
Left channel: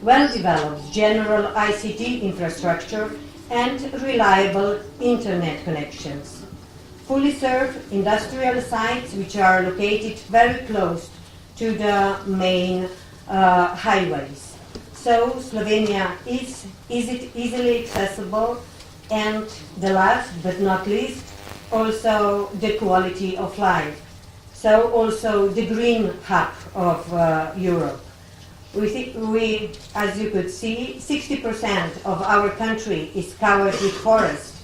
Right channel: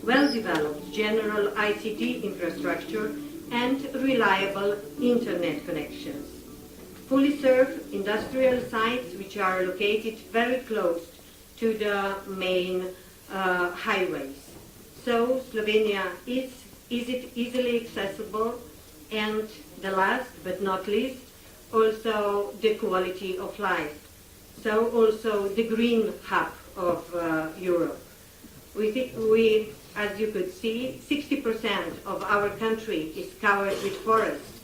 Well-developed general ICT infrastructure and reliable internet connections. Fully served industrial sites which are located very close to the main highways. So Slovenia is easily accessible, and the last but not least, also the quality of life. So also the green hub of Europe. We, as you could see, 60% of our country is covered with forest.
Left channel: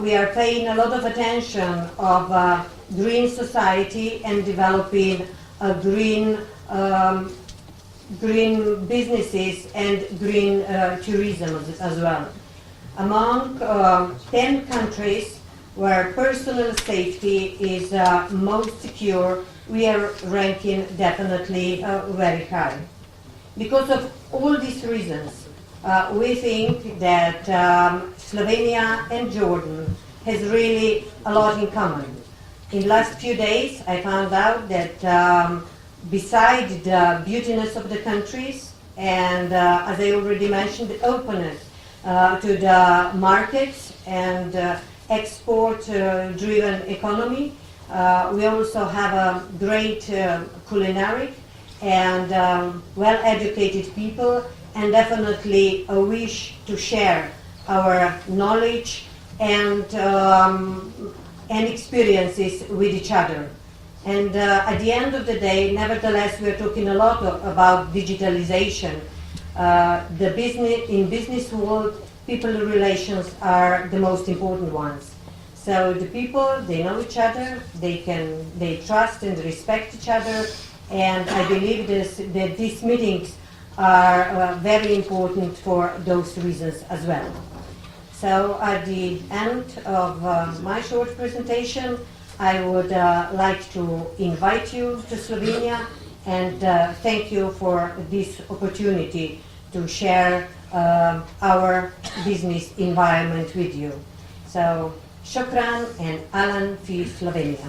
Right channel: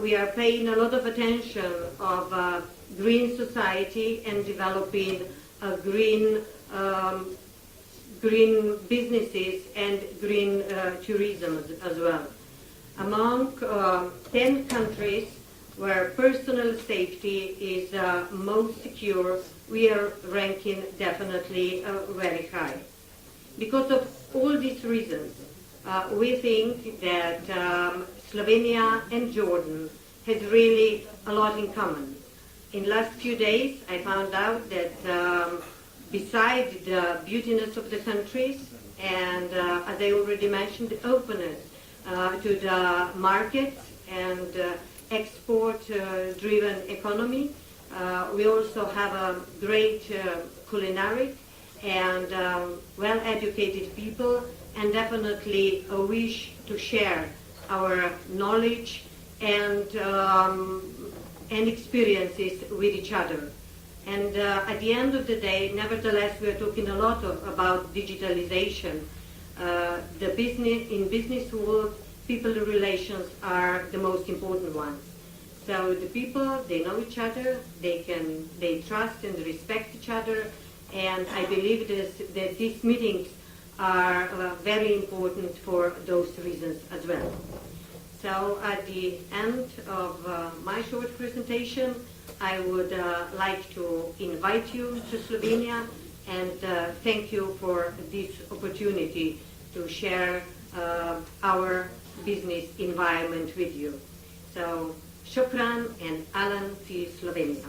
We are paying a lot of attention of green society and developing green businesses and green tourism as well. Among 10 countries where personal safety is most secure, we are ranking definitely very high. Because of all these reasons, we think that Slovenia and Jordan has really a lot in common. In the last few days, I found out that besides the beautiness of the countries and, as I already mentioned, the openness to the markets and export-driven economy, we also have a great culinary and well-educated people, and definitely a wish to share our knowledge and experiences with each other. And at the end of the day, nevertheless, we're talking a lot about digitalization. In business world, people relations are the most important ones. So the people, they know each other, they trust and respect each other, and I believe that these meetings are very important for those reasons as well. So at the end of my short presentation, I would like to invite you to Slovenia and thank you for this opportunity to share our business environment with you. So, shukran and Alan fi Slovenia.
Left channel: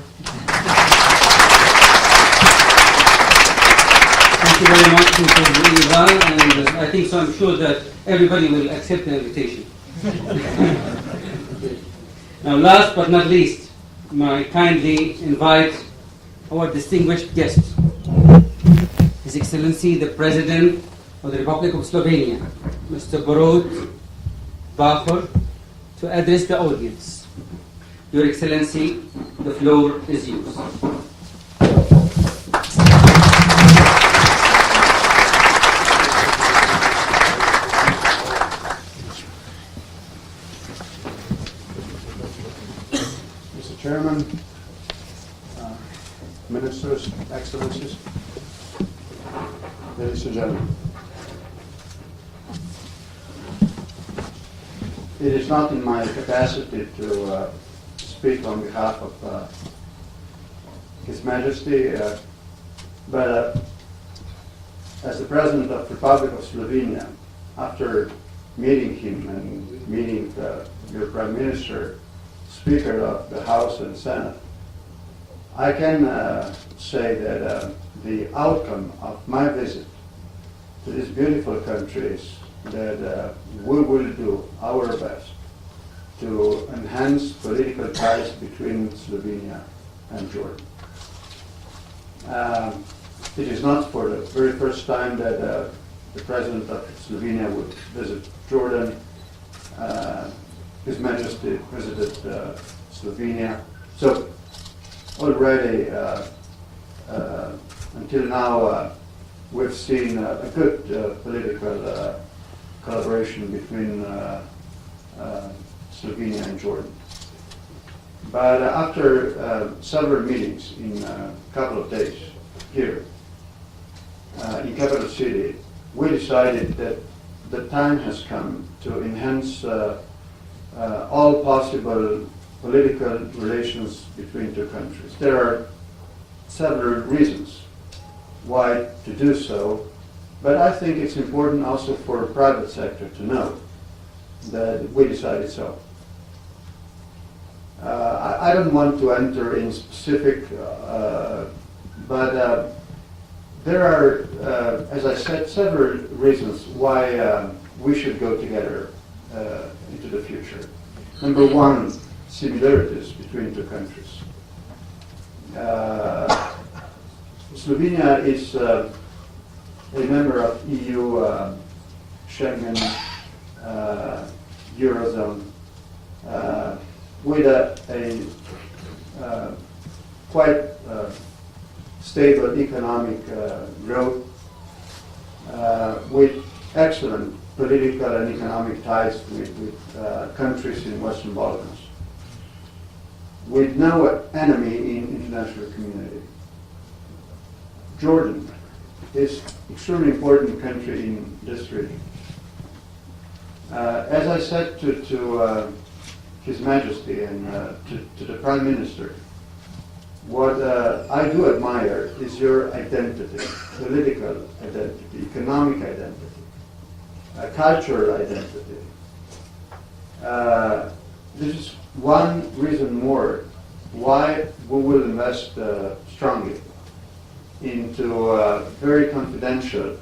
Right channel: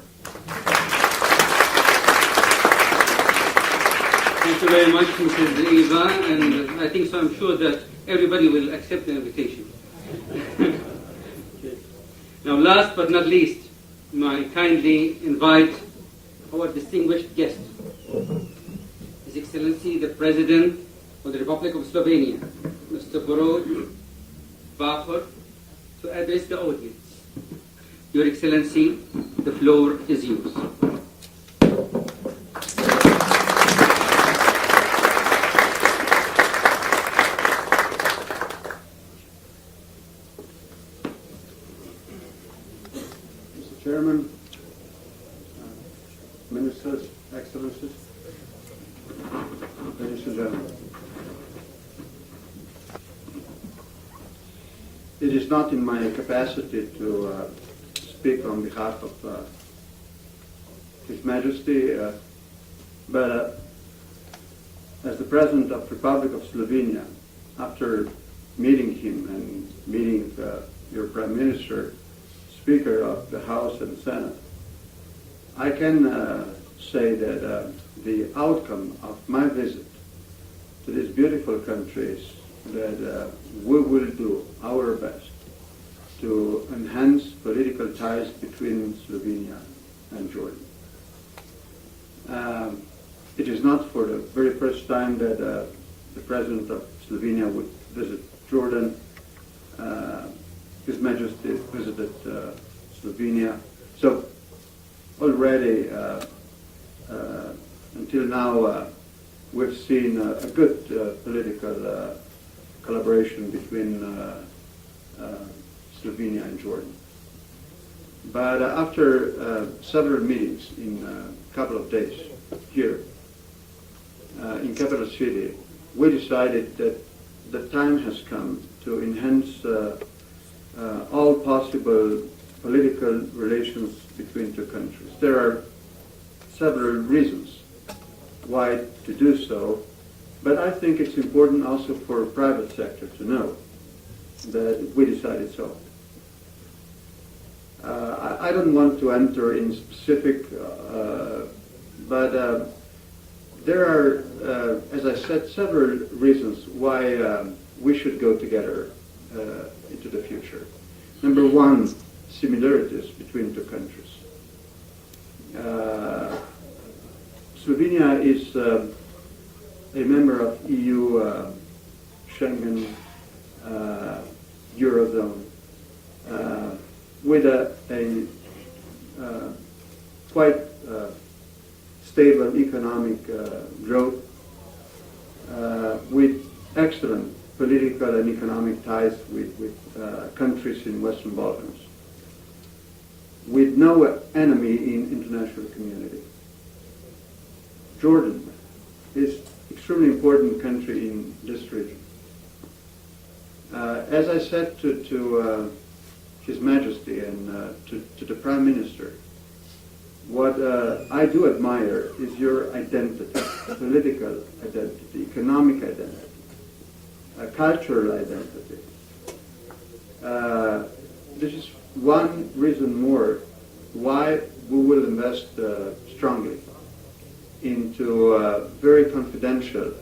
Thank you very much, Mrs. Eva, and I think so. I'm sure that everybody will accept the invitation. Now, last but not least, I kindly invite our distinguished guest, His Excellency the President of the Republic of Slovenia, Mr. Borut Pahor, to address the audience. Your Excellency, the floor is yours. Chairman, Ministers, Excellencies, ladies and gentlemen. It is not in my capacity to speak on behalf of His Majesty, but as the President of the Republic of Slovenia, after meeting him and meeting your Prime Minister, Speaker of the House and Senate, I can say that the outcome of my visit to these beautiful countries that we will do our best to enhance political ties between Slovenia and Jordan. It is not for the very first time that the President of Slovenia would visit Jordan. His Majesty visited Slovenia. So already, until now, we've seen a good political collaboration between Slovenia and Jordan. But after several meetings in a couple of days here in capital city, we decided that the time has come to enhance all possible political relations between two countries. There are several reasons why to do so, but I think it's important also for the private sector to know that we decided so. I don't want to enter in specific, but there are, as I said, several reasons why we should go together into the future. Number one, similarities between two countries. Slovenia is a member of EU, Schengen, Eurozone, with a quite stable economic growth, with excellent political and economic ties with countries in Western Balkans, with no enemy in international community. Jordan is extremely important country in this region. As I said to His Majesty and to the Prime Minister, what I do admire is your identity, political identity, economic identity, cultural identity. This is one reason more why we will invest strongly into very confidential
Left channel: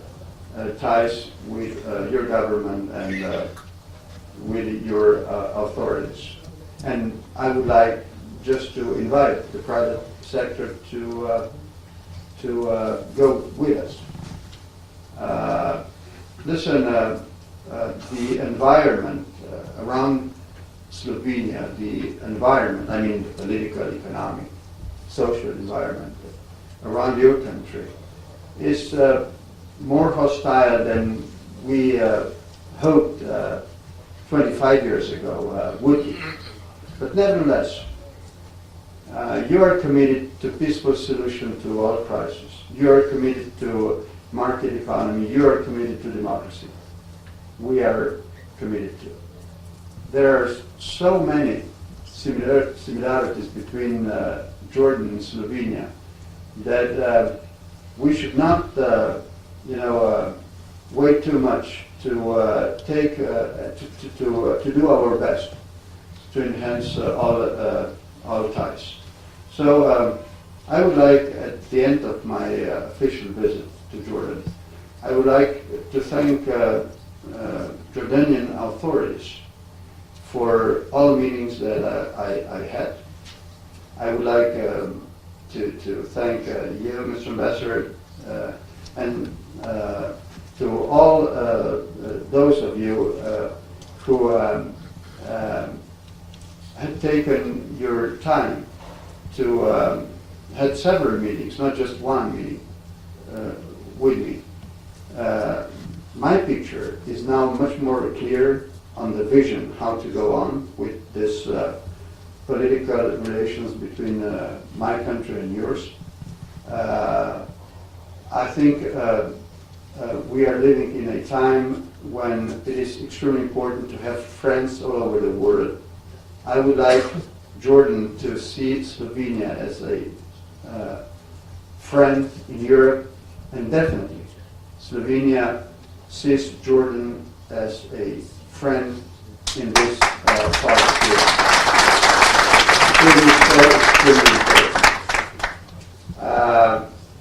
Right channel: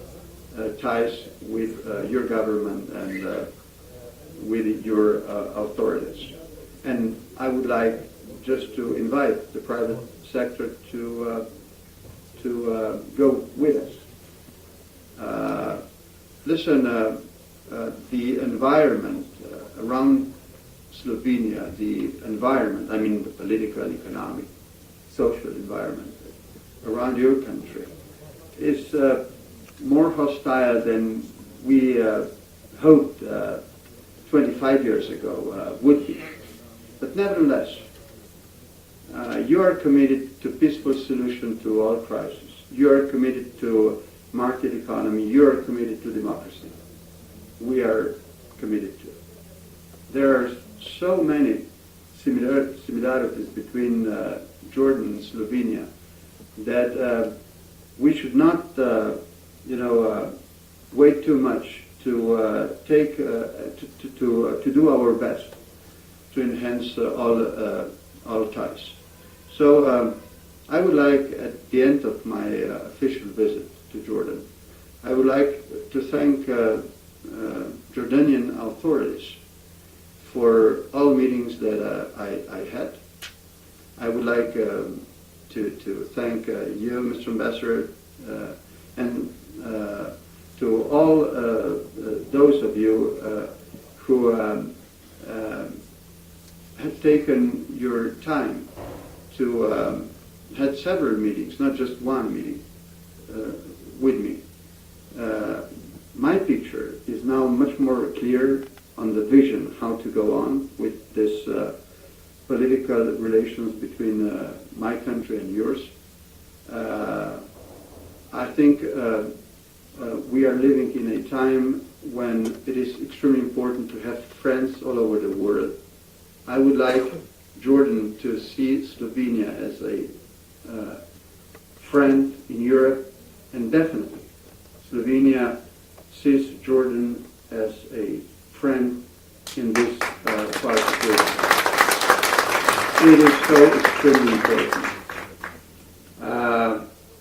ties with your government and with your authorities. And I would like just to invite the private sector to go with us. Listen, the environment around Slovenia, the environment, I mean the political, economic, social environment around your country is more hostile than we hoped 25 years ago would be. But nevertheless, you are committed to peaceful solution to all crises. You are committed to market economy. You are committed to democracy. We are committed to. There are so many similarities between Jordan and Slovenia that we should not, wait too much to do our best to enhance all ties. So I would like, at the end of my official visit to Jordan, I would like to thank Jordanian authorities for all meetings that I had. I would like to thank you, Mr. Ambassador, and to all those of you who had taken your time to had several meetings, not just one meeting with me. My picture is now much more clear on the vision how to go on with this political relations between my country and yours. I think we are living in a time when it is extremely important to have friends all over the world. I would like Jordan to see Slovenia as a friend in Europe, and definitely Slovenia sees Jordan as a friend in this part of Europe. It is so extremely important.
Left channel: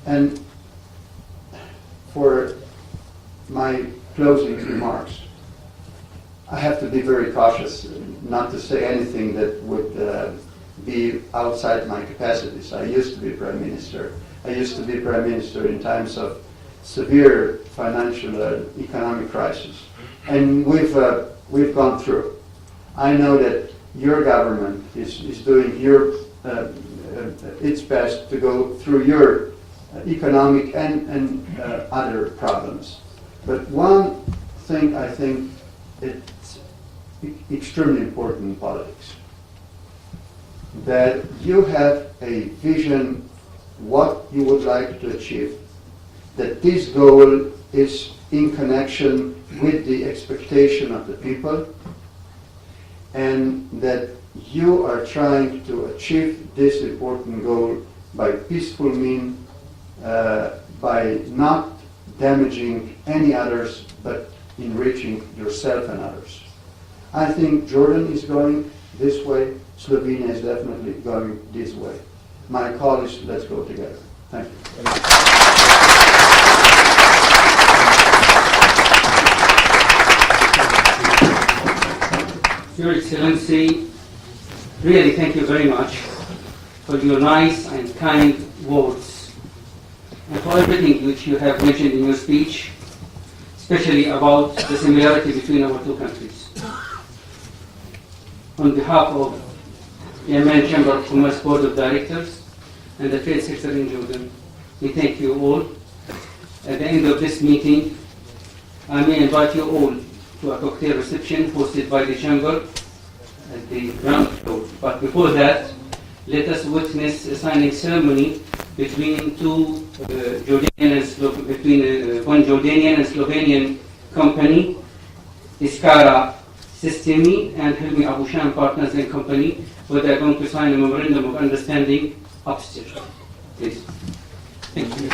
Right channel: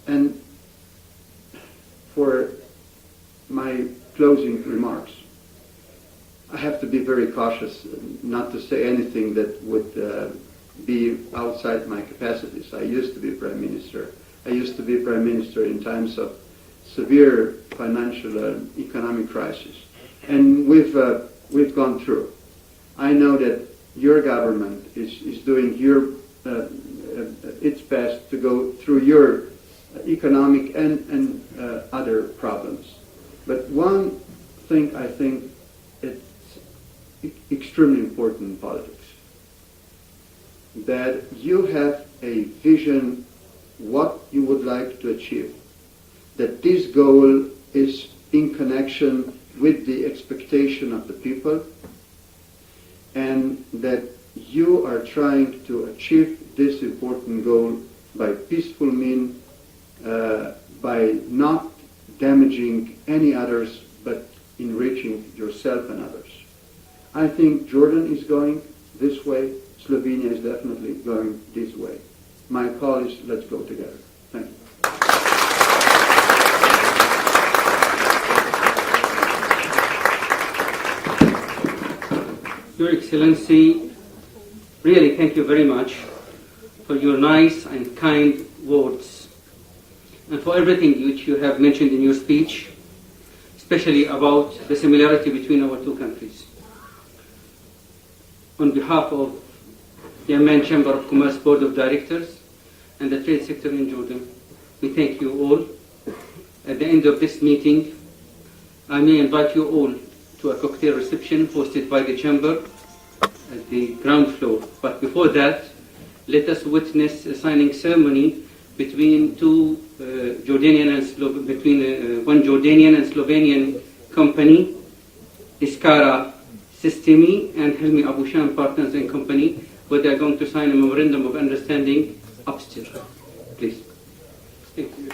And for my closing remarks, I have to be very cautious not to say anything that would be outside my capacities. I used to be Prime Minister. I used to be Prime Minister in times of severe financial and economic crisis. And we've gone through. I know that your government is doing its best to go through your economic and other problems. But one thing I think it's extremely important in politics, that you have a vision what you would like to achieve, that this goal is in connection with the expectation of the people, and that you are trying to achieve this important goal by peaceful means, by not damaging any others, but enriching yourself and others. I think Jordan is going this way. Slovenia is definitely going this way. My call is, let's go together. Thank you. Your Excellency, really thank you very much for your nice and kind words and for everything which you have mentioned in your speech, especially about the similarity between our two countries. On behalf of the Amman Chamber of Commerce Board of Directors and the trade sector in Jordan, we thank you all. At the end of this meeting, I may invite you all to a cocktail reception hosted by the Chamber at the ground floor. But before that, let us witness a signing ceremony between one Jordanian and Slovenian company, Iskara Sistemi and Helmi Abushan Partners and Company, where they are going to sign a memorandum of understanding upstairs. Please. Thank you.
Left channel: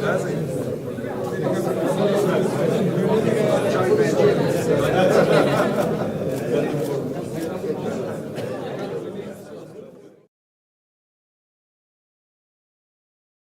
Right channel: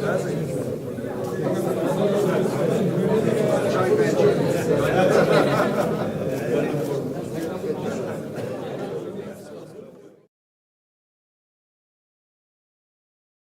Gracias.